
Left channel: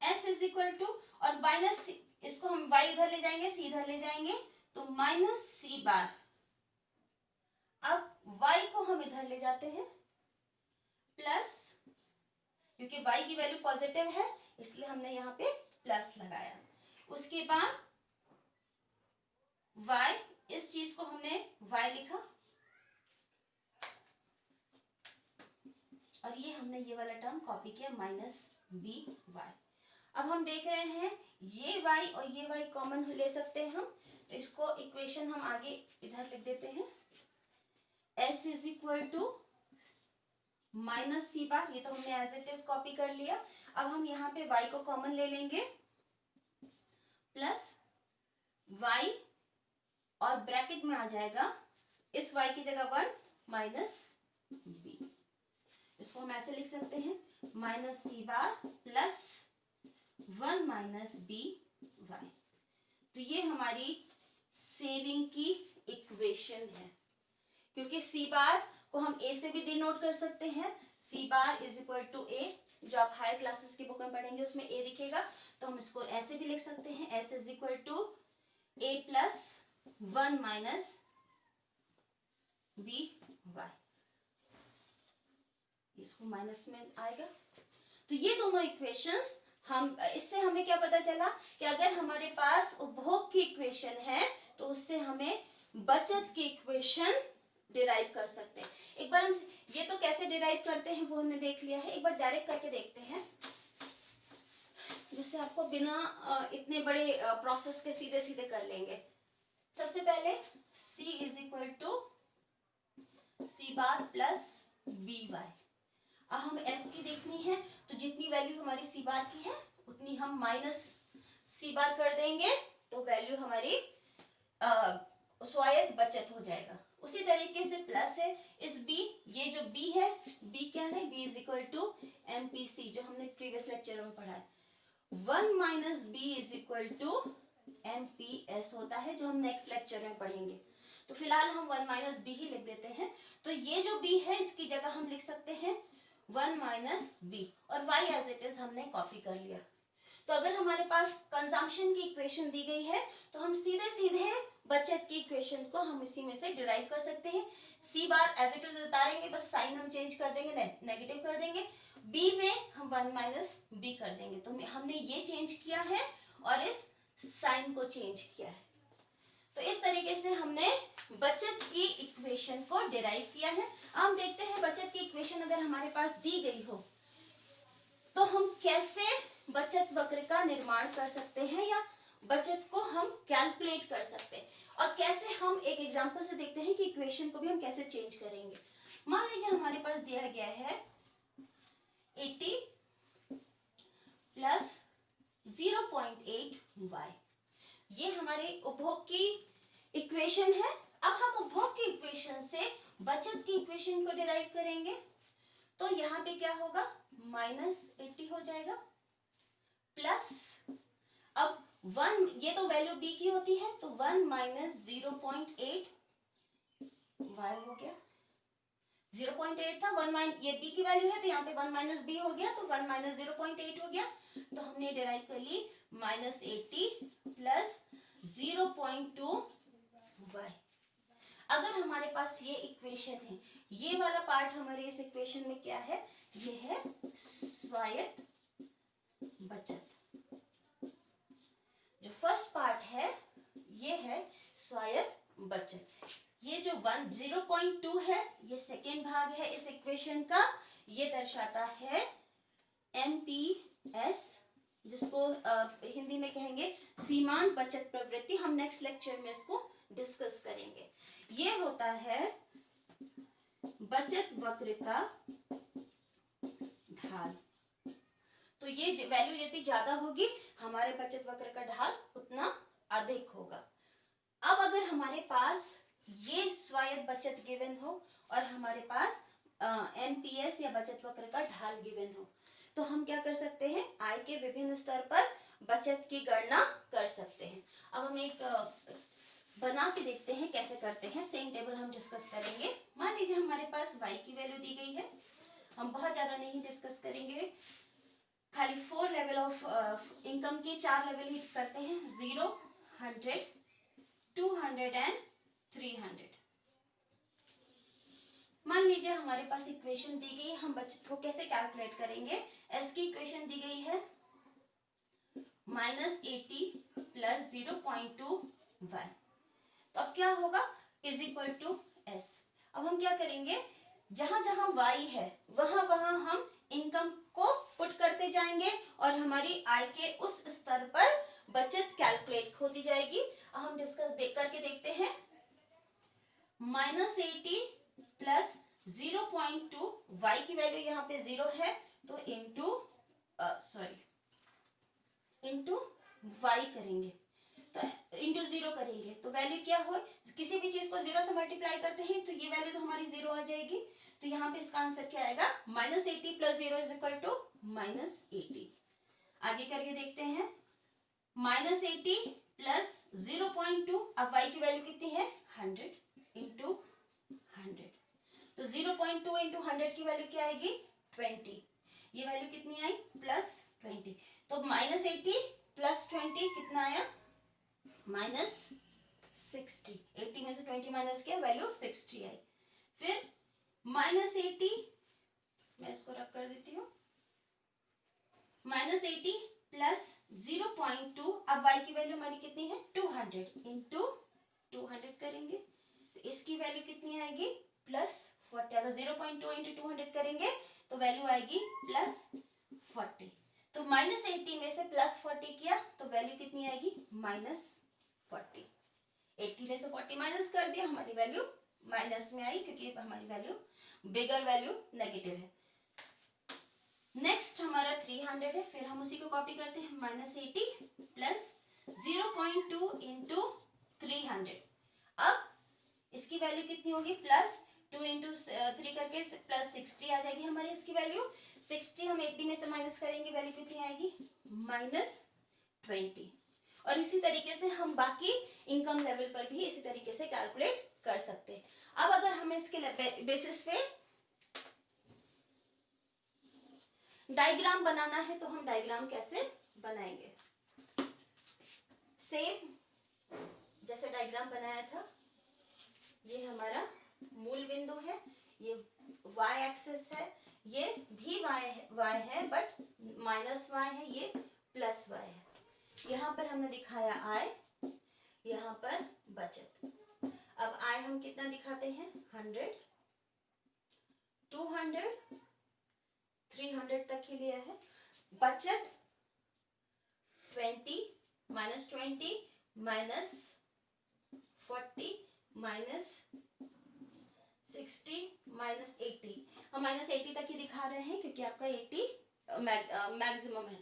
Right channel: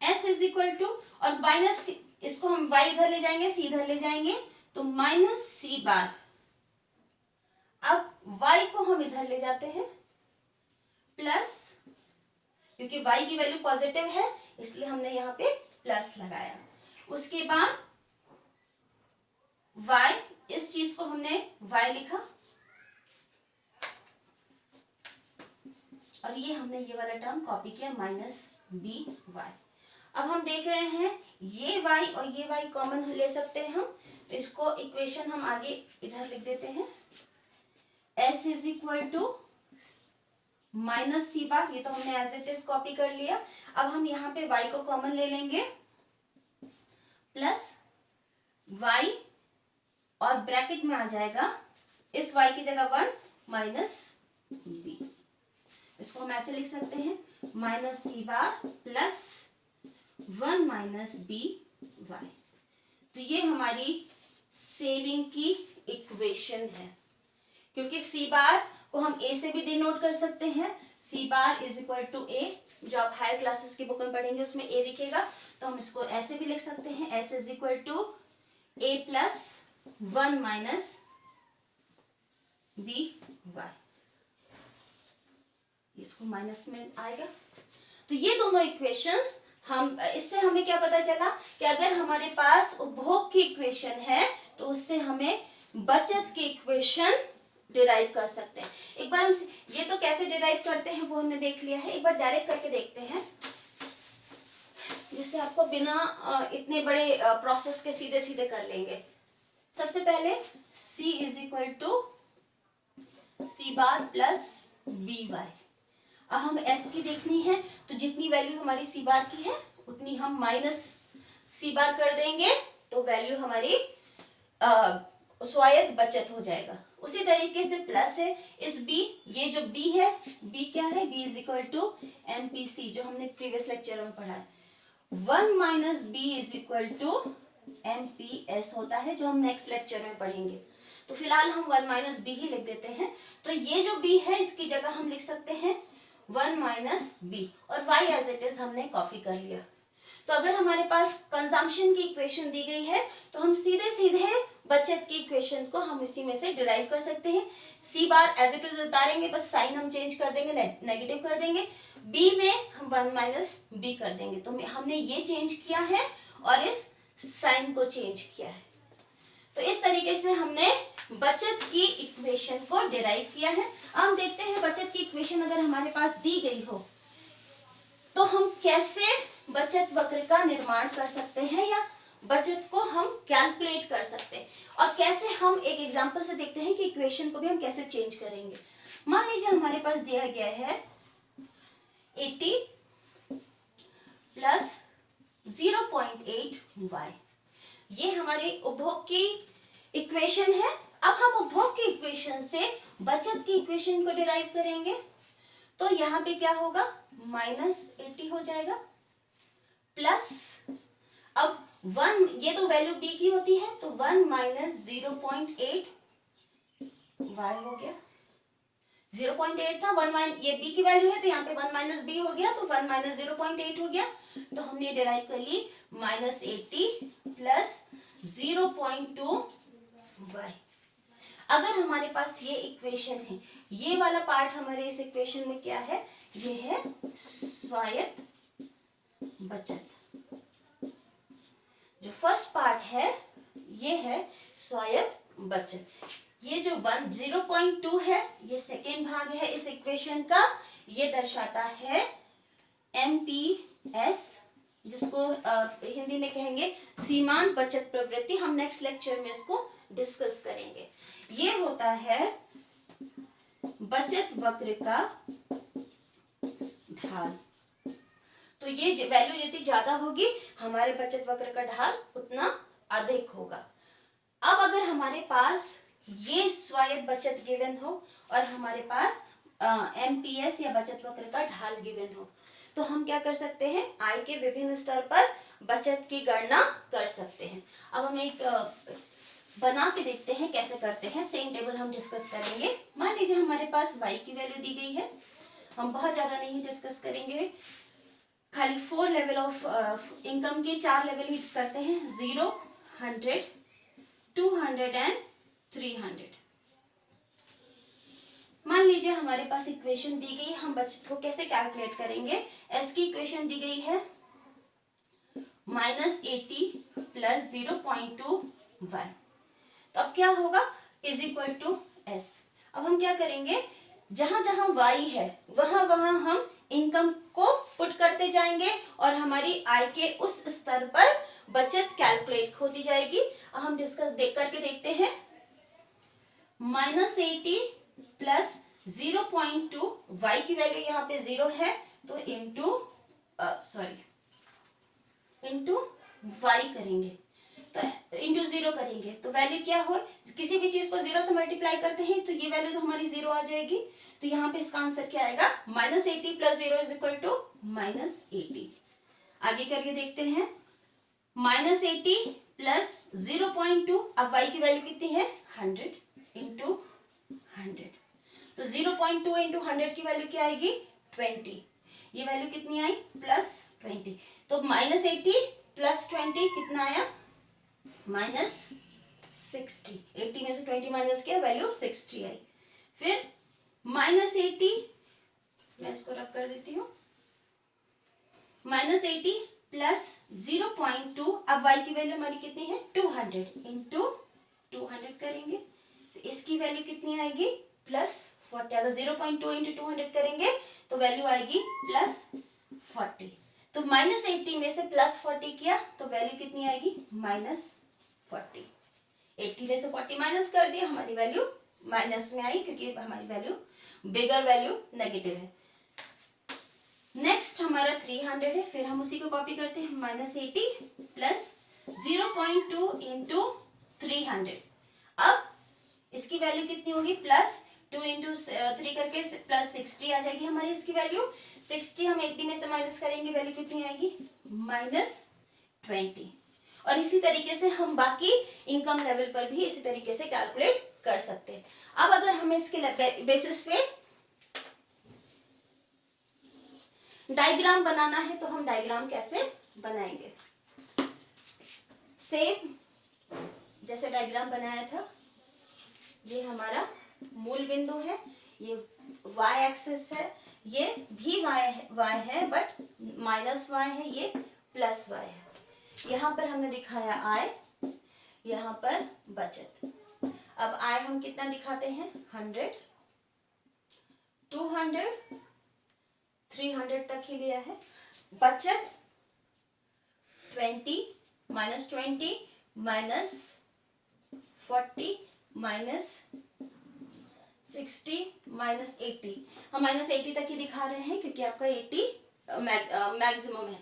s इज इक्वल टू, और माइनस इसको हम y इधर ले जाएंगे, c इधर ले जाएंगे, तो माइनस सी बार। अब y को हम इधर ले जाते हैं, प्लस, क्योंकि y की वैल्यू पॉजिटिव है इसलिए हमने यहाँ पे प्लस लगाया। उसके बाद y, इस चीज को हमने y लिखा और ये हमने ये वाला टर्म कॉपी किया माइनस बी वाई। अब हम देख रहे हैं ये y और ये y कॉमन ले सकते हैं हम, तो इसको इक्वेशन हम आगे इधर लिख देते हैं। s is equal to minus C bar, ये तो हमने एज इट इज कॉपी कर लिया। अब हम यहाँ पे y को कॉमन ले लेंगे प्लस y और ब्रैकेट में आ जाएगा इस y की जगह 1 माइनस बी। इसको हम ऐसे लिख सकते हैं माइनस सी bar plus 1 minus B Y. तो ये हमारी सेविंग की इक्वेशन है, क्योंकि सी बार को हम ए से भी डिनोट कर सकते हैं। सी बार इज इक्वल टू ए, जो आप हायर क्लासेस की बुक में पढ़ेंगे उसमें ए दिखेगा, तो हम इसको ऐसे भी लिख सकते हैं S is equal to A plus 1 minus B Y. इसको माइनस में आएगा। तो ये दोनों इक्वेशंस हम, इससे हमें क्या पता चला कि अगर हमारे पास उपभोग की इक्वेशन है तो उससे हमें बचत की इक्वेशन डिराइव कर सकते हैं। एक बार हम ये तो कैसे डिराइव करते हैं वो हमने देख लिया है, एक बार डायरेक्ट करके देखते हैं जिससे आपको बिना इतने बड़े प्रोसेस के सीधे सीधे कर लेंगे। सबसे पहले c is equal to C bar plus B Y. अब हम s की देखनी है तो जितनी वैल्यू हमारी सी बार की है उतनी हम माइनस सी बार कर देंगे तो वैल्यू हमारी स्वायत्त बचत हो जाएगा। उसी तरीके से प्लस है इस b, ये जो b है, b क्या है, b is equal to MPC जो हमने प्रीवियस लेक्चर में पढ़ा है। 1 minus B is equal to MPS होता है जो हम नेक्स्ट लेक्चर में पढ़ेंगे। तो फिलहाल हम 1 माइनस बी ही लिख देते हैं। तो ये जो b है इसकी जगह हम लिख सकते हैं 1 माइनस बी और y एज इट इज हमने कॉपी कर लिया। तो अगर हमारे पास कंजम्पशन की इक्वेशन दी गई है तो हम सीधे सीधे बचत की इक्वेशन को हम इसी में से डिराइव कर सकते हैं। सी बार एज इट इज उतारेंगे, बस साइन हम चेंज कर देंगे, नेगेटिव कर देंगे। बी में हम 1 माइनस बी कर देंगे। तो हमने ये चेंज किया है और इस साइन को चेंज किया है। तो इस तरीके से हमने बचत की इक्वेशन को डिराइव किया है। हम देखते हैं बचत की इक्वेशन अगर हमारे पास दी गई हो तो हम कैसे बचत वक्र का निर्माण कर सकते हैं या बचत को हम कैलकुलेट कर सकते हैं, और कैसे हम एक एग्जांपल से देखते हैं कि इक्वेशन को भी हम कैसे चेंज करेंगे। मान लीजिए हमारे पास दिया गया है 80 प्लस 0.8 y, ये हमारी उपभोग की इक्वेशन है। अब हम उपभोग की इक्वेशन से बचत की इक्वेशन को डिराइव करेंगे तो यहाँ पे क्या होगा, -80 हो जाएगा प्लस, अब 1, ये तो वैल्यू b की होती है तो 1 माइनस 0.8 y हो गया। 0.8 था, 1 ये b की वैल्यू है तो यहाँ पे 1 माइनस b हो गया तो 1 माइनस 0.8 हो गया। तो हमने डिराइव कर ली -80 प्लस 0.2 y। अगर हमारे पास ये इक्वेशन है, ये वाला पार्ट हमारे इस इक्वेशन में क्या है, ये है स्वायत्त बचत। जो फर्स्ट पार्ट है ये है स्वायत्त बचत। ये जो 0.2 है ये सेकेंड भाग है इस इक्वेशन का, ये दर्शाता है MPS, जिसको हिंदी में कहेंगे सीमांत बचत प्रवृत्ति। हम नेक्स्ट लेक्चर में इसको डिस्कस करेंगे। ये होता है बचत वक्र का ढाल। तो ये वैल्यू जितनी ज्यादा होगी हमारे बचत वक्र का ढाल उतना अधिक होगा। अब अगर हमारे पास ये स्वायत्त बचत गिवन हो और हमारे पास MPS या बचत वक्र का ढाल गिवन हो तो हम क्या कर सकते हैं, आय के विभिन्न स्तर पर बचत की गणना कर सकते हैं। अब हम एक बना के देखते हैं कैसे करते हैं, सेम टेबल हम डिस्कस करेंगे। मान लीजिए हमारे पास y की वैल्यू दी गई है, हम बहुत ज्यादा नहीं डिस्कस करेंगे, खाली 4 लेवल ऑफ इनकम के 4 लेवल ही करते हैं, 0, 100, 200 एंड 300। मान लीजिए हमारे पास इक्वेशन दी गई, हम बचत को कैसे कैलकुलेट करेंगे। एस की इक्वेशन दी गई है -80 प्लस 0.2 y। तो अब क्या होगा, इज इक्वल टू एस। अब हम क्या करेंगे, जहां जहां y है वहां वहां हम इनकम को पुट करते जाएंगे और हमारी आय के उस स्तर पर बचत कैलकुलेट होती जाएगी। अब हम डिस्कस देख करके देखते हैं। -80 प्लस 0.2 y की वैल्यू यहाँ पे 0 है, तो इंटू y करेंगे, तो इंटू 0 करेंगे तो वैल्यू क्या हो, किसी भी चीज को 0 से मल्टीप्लाई करते हैं तो ये वैल्यू तो हमारी 0 आ जाएगी। तो यहाँ पे इसका आंसर क्या आएगा, -80 प्लस 0 इज इक्वल टू -80। आगे करके देखते हैं, -80 प्लस 0.2, अब y की वैल्यू कितनी है 100 इंटू 100, तो 0.2 इंटू 100 की वैल्यू क्या आएगी 20। ये वैल्यू कितनी आई +20, तो -80 प्लस 20 कितना आया -60। 80 में से 20 माइनस किया, वैल्यू 60 आई। फिर -80, मैं इसको रब कर देती हूँ, -80 प्लस 0.2, अब y की वैल्यू हमारी कितनी है 200 इंटू 200 करेंगे तो इसकी वैल्यू कितनी आएगी +40। अगर 0.2 इंटू 200 करेंगे तो वैल्यू आएगी +40। तो -80 में से +40 किया तो वैल्यू कितनी आएगी -40। 80 में से 40 माइनस कर दिया, हमारी वैल्यू माइनस में आई क्योंकि हमारी वैल्यू बिगर वैल्यू नेगेटिव है। नेक्स्ट हमारा 300 है, फिर हम उसी को कॉपी करते हैं, -80 प्लस 0.2 इंटू 300। अब इसकी वैल्यू कितनी होगी +2 इंटू 3 करके +60 आ जाएगी हमारी इसकी वैल्यू। 60 हम 80 में से माइनस करेंगे, वैल्यू कितनी आएगी -20। और इसी तरीके से हम बाकी इनकम लेवल पर भी इसी तरीके से कैलकुलेट कर सकते हैं। अब अगर हमें इसके बेसिस पे डायग्राम बनाना है तो हम डायग्राम कैसे बनाएंगे, सेम जैसे डायग्राम बनाया था। ये हमारा मूल बिंदु है, ये y एक्सिस है, ये भी y है बट -y है, ये +y है। यहाँ पर हमने दिखाया आय, यहाँ पर बचत। अब आय हम कितना दिखाते हैं 100, 200, 300 तक ही लिया है। बचत 20 -20 -40 -60 -80, हम -80 तक ही दिखा रहे हैं क्योंकि आपका 80 मैक्सिमम है।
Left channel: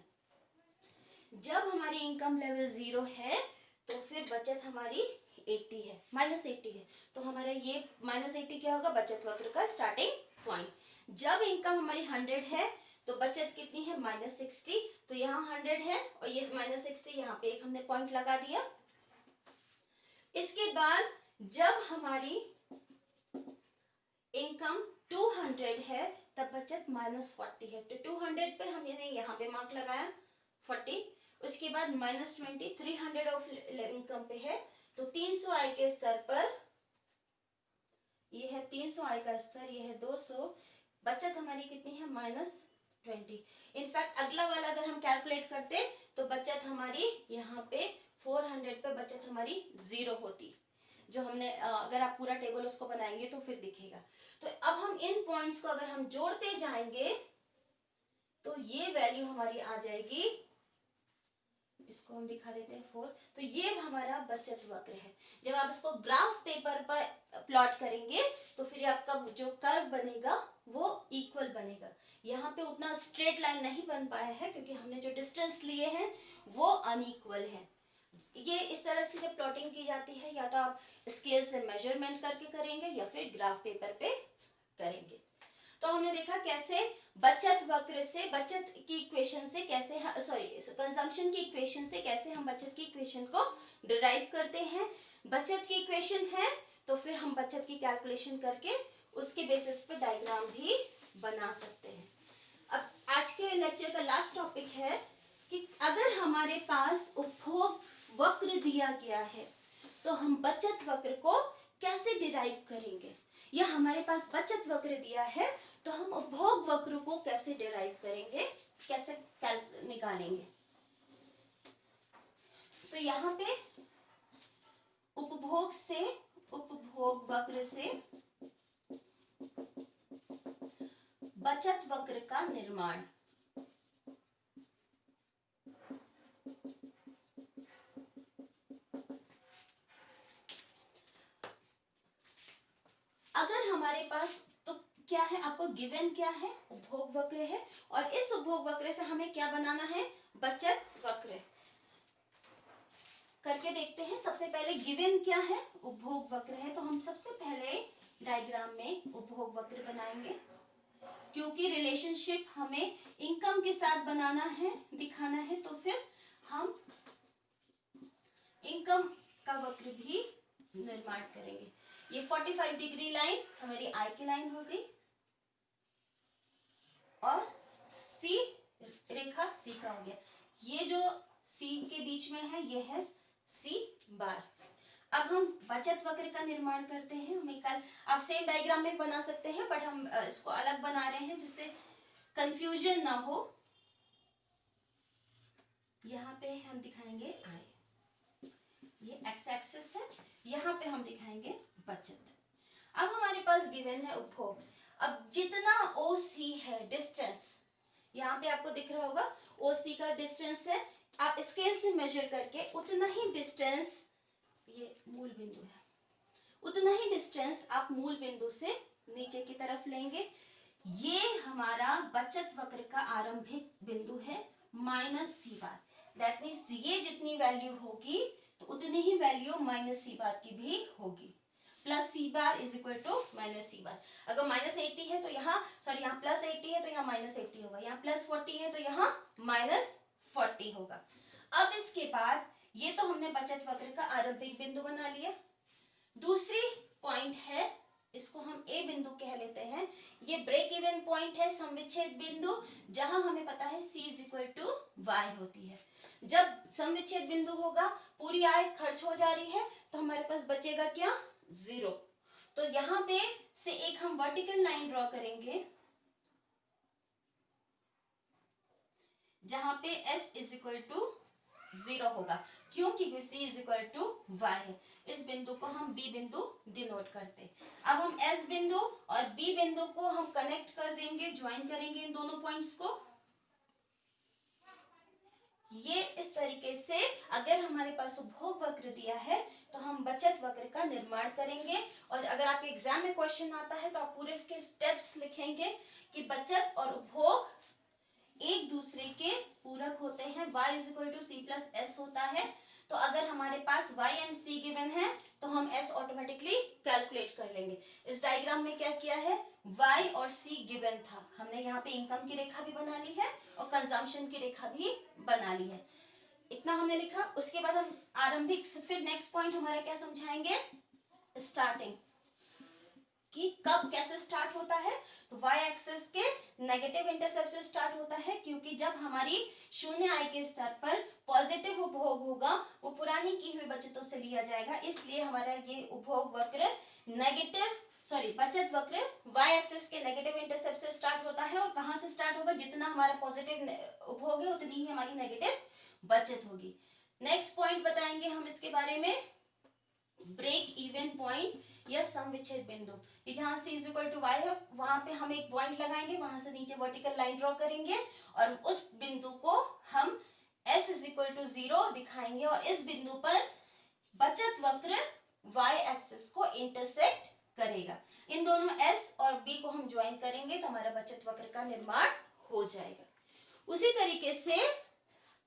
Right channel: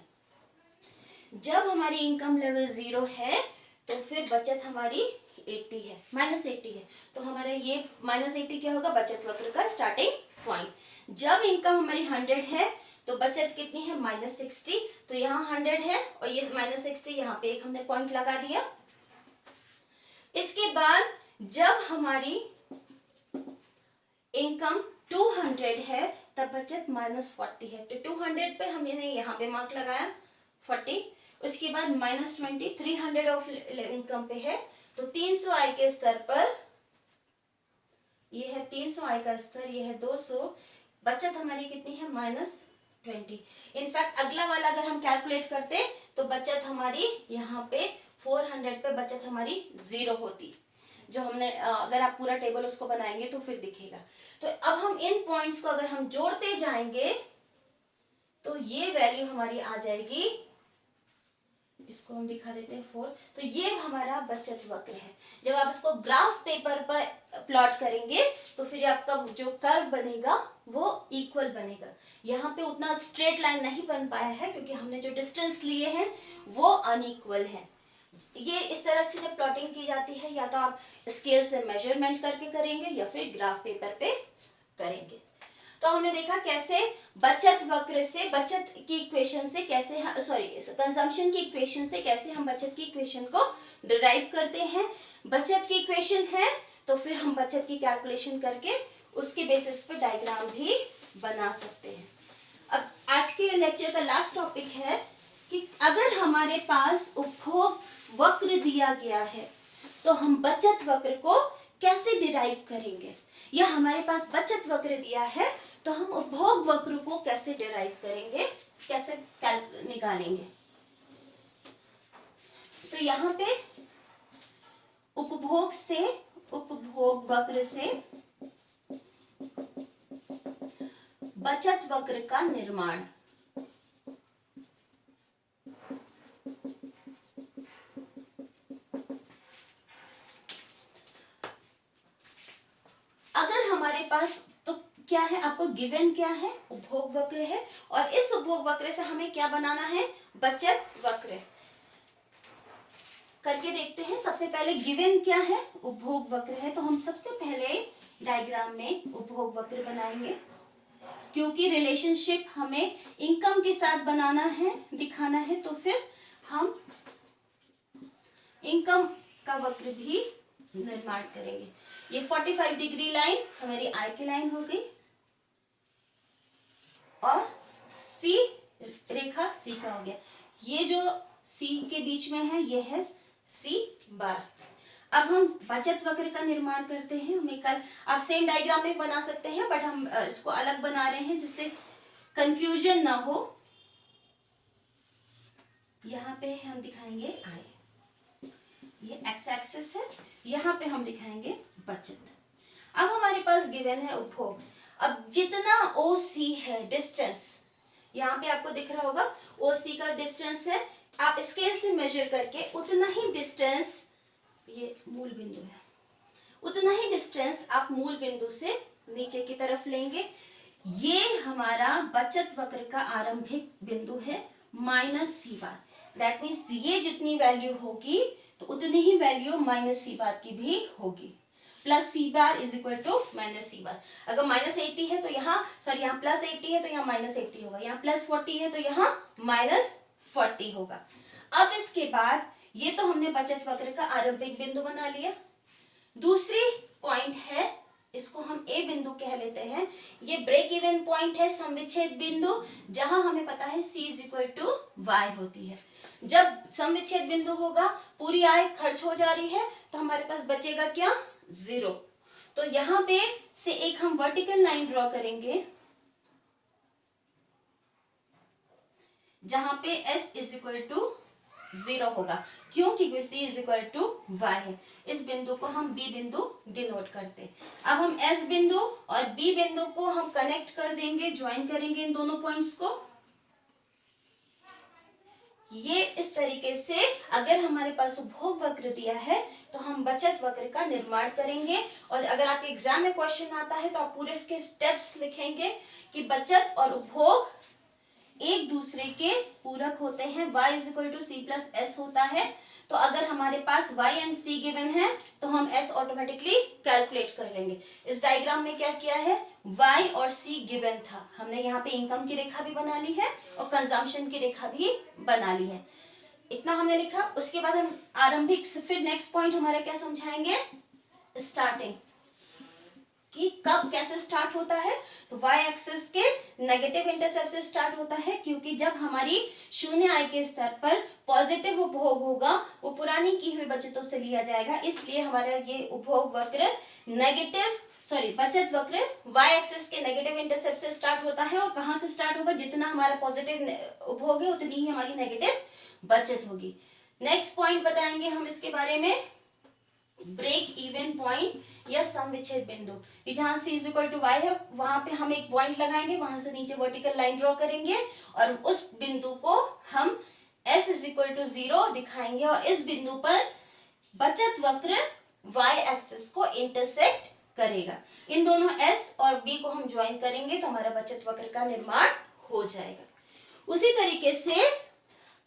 जब हमारी इनकम लेवल 0 है तो फिर बचत हमारी 80 है, -80 है, तो हमारा ये -80 क्या होगा, बचत वक्र का स्टार्टिंग पॉइंट। जब इनकम हमारी 100 है तो बचत कितनी है -60, तो यहाँ 100 है और ये -60, यहाँ पे एक हमने पॉइंट लगा दिया। इसके बाद जब हमारी इनकम 200 है तब बचत -40 है, तो 200 पे हमने यहाँ पे मार्क लगाया 40। उसके बाद -20, 300 ऑफ इनकम पे है, तो 300 आय के स्तर पर, ये है 300 आय का स्तर, ये है 200, बचत हमारी कितनी है -20। इनफैक्ट अगला वाला अगर हम कैलकुलेट करते तो बचत हमारी यहाँ पे 400 पे बचत हमारी 0 होती, जो हमने अगर आप पूरा टेबल उसको बनाएंगे तो फिर दिखेगा। तो अब हम इन पॉइंट्स को अगर हम जोड़ते जाएंगे तो ये वैल्यू हमारी आ जाएगी, इसको हम दिखा देते हैं 4। तो ये हमारा बचत वक्र है। जब आप इसको ग्राफ पेपर पर प्लॉट करेंगे तो फिर आपका जो कर्व बनेगा वो इक्वल बनेगा। यहाँ पे उतना स्ट्रेट लाइन नहीं बन पाया है क्योंकि हमने जो डिस्टेंस लिए हैं वो अनइक्वल है। ये इस तरह से जब प्लॉटिंग की जाती है, या तो आप स्केल से मेजरमेंट करके करेंगे या फिर ग्राफ पेपर पे करेंगे। तो हमने देखा कैसे बचत वक्र से, बचत की इक्वेशन से कैसे, कंजम्पशन की इक्वेशन से कैसे हम बचत की इक्वेशन को डिराइव करते हैं। बचत की इक्वेशन है तो फिर हम बचत की कैलकुलेशन करके उसके बेसिस पे डायग्राम भी बना सकते हैं। अब आज के लेक्चर का लास्ट टॉपिक है कि अगर हमारे पास उपभोग वक्र दिया गया है तो हम बचत वक्र को कैसे डिराइव करेंगे। या हमारे पास बचत वक्र दिया है, तो हम उपभोग वक्र को कैसे डिराइव करेंगे, कैसे निकालेंगे। तो यहाँ पे उपभोग वक्र से बचत वक्र का निर्माण। अगर हमारे पास तो क्या है, आपको गिवन क्या है, उपभोग वक्र है, और इस उपभोग वक्र से हमें क्या बनाना है, बचत वक्र। करके देखते हैं। सबसे पहले गिवन क्या है, उपभोग वक्र है, तो हम सबसे पहले डायग्राम में उपभोग वक्र बनाएंगे, क्योंकि रिलेशनशिप हमें इनकम के साथ बनाना है, दिखाना है, तो फिर हम इनकम का वक्र भी निर्माण करेंगे। ये 45 डिग्री लाइन हमारी आय की लाइन हो गई, और सी रेखा सी का हो गया। ये जो सी के बीच में है ये है सी बार। अब हम बचत वक्र का निर्माण करते हैं। हमें कल आप सेम डायग्राम में बना सकते हैं, बट हम इसको अलग बना रहे हैं जिससे कंफ्यूजन ना हो। यहाँ पे हम दिखाएंगे आय, ये एक्स एक्सिस है, यहाँ पे हम दिखाएंगे बचत। अब हमारे पास गिवन है उपभोग। अब जितना ओ सी है डिस्टेंस, यहाँ पे आपको दिख रहा होगा ओ सी का डिस्टेंस है, आप स्केल से मेजर करके उतना ही डिस्टेंस, ये मूल बिंदु है, उतना ही डिस्टेंस आप मूल बिंदु से नीचे की तरफ लेंगे। ये हमारा बचत वक्र का आरंभिक बिंदु है minus C bar. That means ये जितनी वैल्यू होगी तो उतनी ही वैल्यू माइनस सी बार की भी होगी। Plus c bar is equal to minus C bar. अगर माइनस 80 है तो यहाँ यहाँ प्लस 80 है तो यहाँ माइनस 80 होगा, यहाँ प्लस 40 है तो यहाँ माइनस 40 होगा। अब इसके बाद ये तो हमने बचत वक्र का आरंभिक बिंदु बना लिया। दूसरी पॉइंट है, इसको हम ए बिंदु कह लेते हैं। ये ब्रेक इवन पॉइंट है, समविच्छेद बिंदु, जहां हमें पता है C is equal to Y होती है। जब समविच्छेद बिंदु होगा, पूरी आय खर्च हो जा रही है, तो हमारे पास बचेगा क्या, 0। तो यहाँ पे से एक हम वर्टिकल लाइन ड्रॉ करेंगे, जहां पे S इज इक्वल टू 0 होगा, क्योंकि C is equal to Y है। इस बिंदु को हम B बिंदु डिनोट करते हैं। अब हम S बिंदु और B बिंदु को हम कनेक्ट कर देंगे, ज्वाइन करेंगे इन दोनों पॉइंट्स को। ये इस तरीके से अगर हमारे पास उपभोग वक्र दिया है तो हम बचत वक्र का निर्माण करेंगे। और अगर आपके एग्जाम में क्वेश्चन आता है तो आप पूरे इसके स्टेप्स लिखेंगे कि बचत और उपभोग एक दूसरे के पूरक होते हैं। y is equal to C plus S होता है, तो अगर हमारे पास y एंड c गिवन है तो हम s ऑटोमेटिकली कैलकुलेट कर लेंगे। इस डायग्राम में क्या किया है, y और c गिवन था, हमने यहाँ पे इनकम की रेखा भी बना ली है और कंजम्पशन की रेखा भी बना ली है। इतना हमने लिखा। उसके बाद हम आरंभिक, फिर नेक्स्ट पॉइंट हमारा क्या समझाएंगे, स्टार्टिंग, कि कब कैसे स्टार्ट होता है। तो y एक्सिस के नेगेटिव इंटरसेप्ट से स्टार्ट होता है, क्योंकि जब हमारी शून्य आय के स्तर पर पॉजिटिव उपभोग होगा वो पुरानी की हुई बचतों से लिया जाएगा, इसलिए हमारा ये उपभोग वक्र बचत वक्र y एक्सिस के नेगेटिव इंटरसेप्ट से स्टार्ट होता है। और कहाँ से स्टार्ट होगा, जितना हमारा पॉजिटिव उपभोग है उतनी ही हमारी नेगेटिव बचत होगी। नेक्स्ट पॉइंट बताएंगे हम इसके बारे में, ब्रेक इवन पॉइंट या समविच्छेद बिंदु, कि जहां C is equal to Y है वहां पे हम एक पॉइंट लगाएंगे, वहां से नीचे वर्टिकल लाइन ड्रॉ करेंगे और उस बिंदु को हम S इज इक्वल टू 0 दिखाएंगे, और इस बिंदु पर बचत वक्र y एक्सिस को इंटरसेक्ट करेगा। इन दोनों S और B को हम ज्वाइन करेंगे तो हमारा बचत वक्र का निर्माण हो जाएगा। उसी तरीके से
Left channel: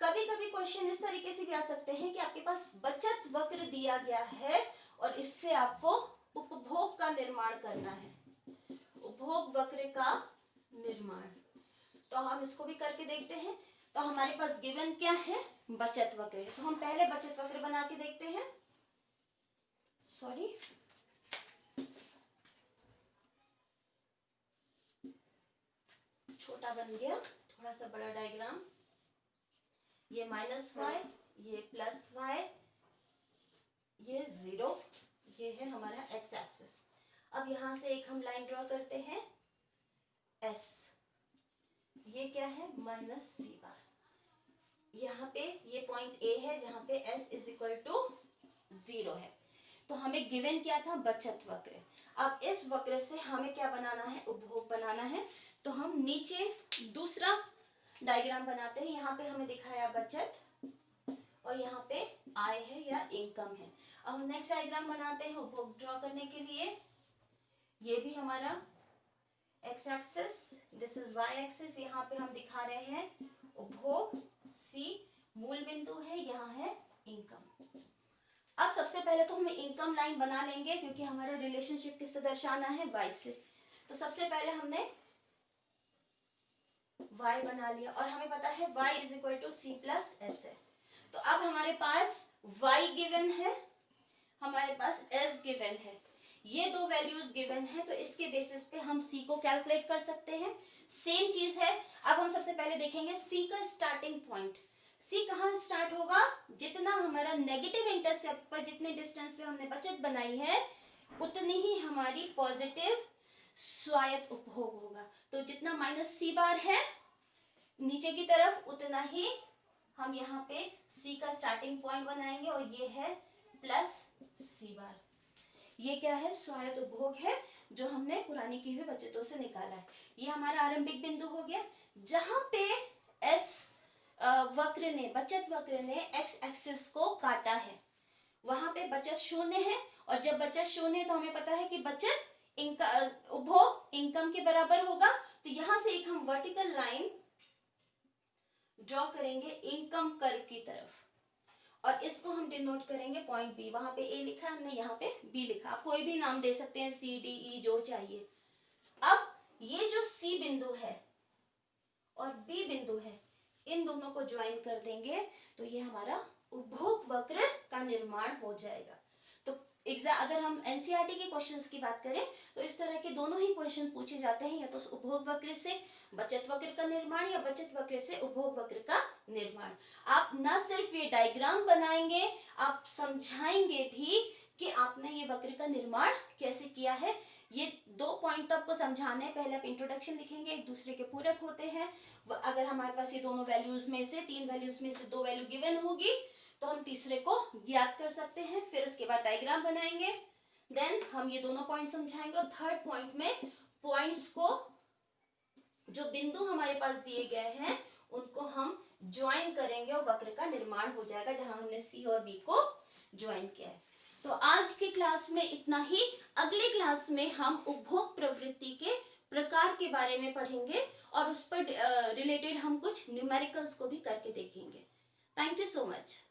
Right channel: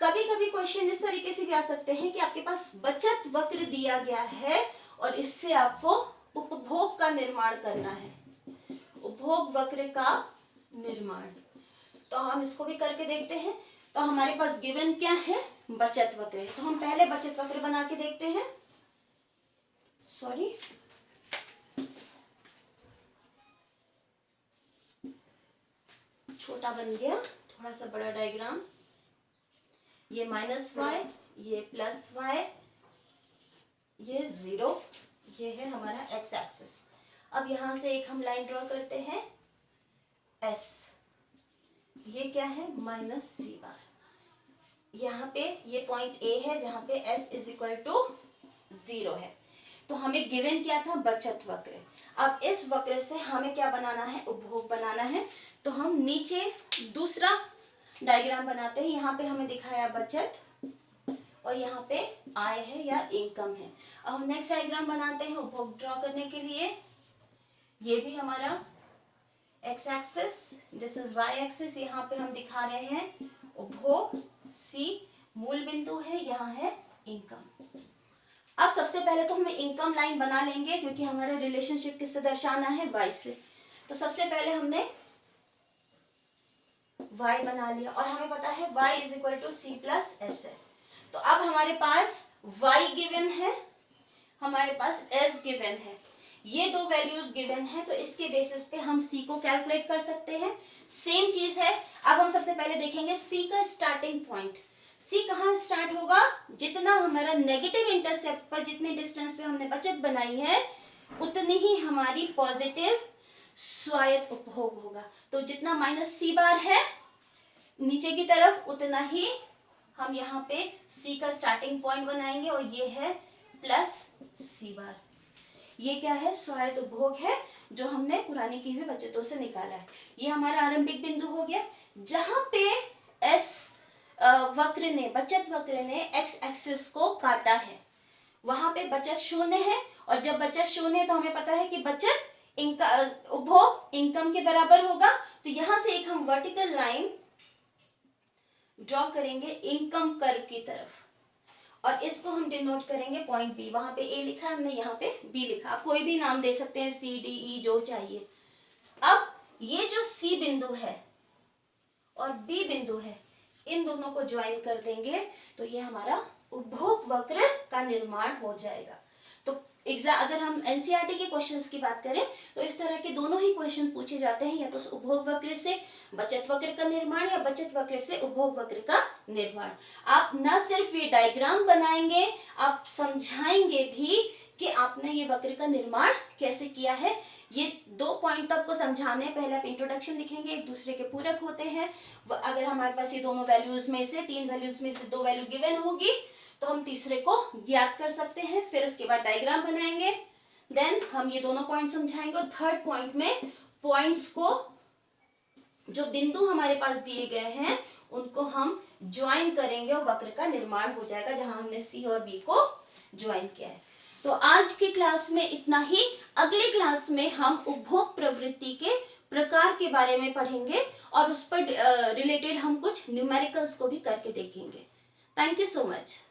कभी कभी क्वेश्चन इस तरीके से भी आ सकते हैं कि आपके पास बचत वक्र दिया गया है और इससे आपको उपभोग का निर्माण करना है, उपभोग वक्र का निर्माण। तो हम इसको भी करके देखते हैं। तो हमारे पास गिवन क्या है, बचत वक्र है, तो हम पहले बचत वक्र बना के देखते हैं। सॉरी, छोटा बन गया, थोड़ा सा बड़ा डायग्राम। ये माइनस वाई, ये प्लस वाई, ये 0, ये है हमारा एक्स एक्सिस। अब यहाँ से एक हम लाइन ड्रॉ करते हैं S, ये क्या है माइनस सी बार। यहाँ पे ये पॉइंट A है जहाँ पे S इज इक्वल टू 0 है। तो हमें गिवन क्या था, बचत वक्र। अब इस वक्र से हमें क्या बनाना है, उपभोग बनाना है। तो हम नीचे दूसरा डायग्राम बनाते हैं। यहाँ पे हमें दिखाया बचत और यहाँ पे आय है या इनकम है। अब हम नेक्स्ट डायग्राम बनाते हैं उपभोग ड्रॉ करने के लिए। ये भी हमारा X axis, this is Y axis. यहाँ पे हम दिखा रहे हैं उपभोग, सी मूल बिंदु है, यहाँ है इनकम। अब सबसे पहले तो हमें इनकम लाइन बना लेंगे क्योंकि हमारा रिलेशनशिप किससे दर्शाना है, वाई से। तो सबसे पहले हमने y बना लिया और हमें पता है y is equal to C plus S है। तो अब हमारे पास y गिवन है, हमारे पास s गिवन है, ये दो वैल्यूज गिवन है। तो इसके बेसिस पे हम c को कैलकुलेट कर सकते हैं। सेम चीज है। अब हम सबसे पहले देखेंगे c का स्टार्टिंग पॉइंट। c कहाँ स्टार्ट होगा, जितना हमारा नेगेटिव इंटरसेप्ट पर जितने डिस्टेंस पे हमने बचत बनाई है उतनी ही हमारी पॉजिटिव स्वायत्त उपभोग होगा। तो जितना माइनस सी बार है नीचे की तरफ उतना ही हम यहाँ पे सी का स्टार्टिंग पॉइंट बनाएंगे और ये है प्लस सी बार। ये क्या है, स्वायत्त उपभोग है जो हमने पुरानी की हुई बचतों से निकाला है। ये हमारा आरंभिक बिंदु हो गया जहां पे एस वक्र ने, बचत वक्र ने एक्स एक्सिस को काटा है, वहां पे बचत शून्य है। और जब बचत शून्य है तो हमें पता है कि बचत उपभोग इनकम के बराबर होगा। तो यहां से एक हम वर्टिकल लाइन ड्रॉ करेंगे इनकम कर्व की तरफ और इसको हम डिनोट करेंगे पॉइंट बी। वहां पे ए लिखा है हमने, यहाँ पे बी लिखा। आप कोई भी नाम दे सकते हैं, सी डी ई जो चाहिए। अब ये जो सी बिंदु है और बी बिंदु है, इन दोनों को ज्वाइन कर देंगे तो ये हमारा उपभोग वक्र का निर्माण हो जाएगा। तो अगर हम एनसीईआरटी के क्वेश्चंस की बात करें तो इस तरह के दोनों ही क्वेश्चन पूछे जाते हैं, या तो उपभोग वक्र से बचत वक्र का निर्माण या बचत वक्र से उपभोग वक्र का निर्माण। आप न सिर्फ ये डायग्राम बनाएंगे, आप समझाएंगे भी कि आपने ये वक्र का निर्माण कैसे किया है। ये दो पॉइंट आपको समझाने हैं। पहले आप इंट्रोडक्शन लिखेंगे, एक दूसरे के पूरक होते हैं। अगर हमारे पास ये दोनों वैल्यूज में से, तीन वैल्यूज में से दो वैल्यू गिवन होगी तो हम तीसरे को ज्ञात कर सकते हैं। फिर उसके बाद डायग्राम बनाएंगे, देन हम ये दोनों पॉइंट समझाएंगे और थर्ड पॉइंट में पॉइंट्स को, जो बिंदु हमारे पास दिए गए हैं उनको हम ज्वाइन करेंगे और वक्र का निर्माण हो जाएगा जहां हमने सी और बी को ज्वाइन किया है। तो आज की क्लास में इतना ही। अगली क्लास में हम उपभोग प्रवृत्ति के प्रकार के बारे में पढ़ेंगे और उस पर रिलेटेड हम कुछ न्यूमेरिकल्स को भी करके देखेंगे। Thank you so much.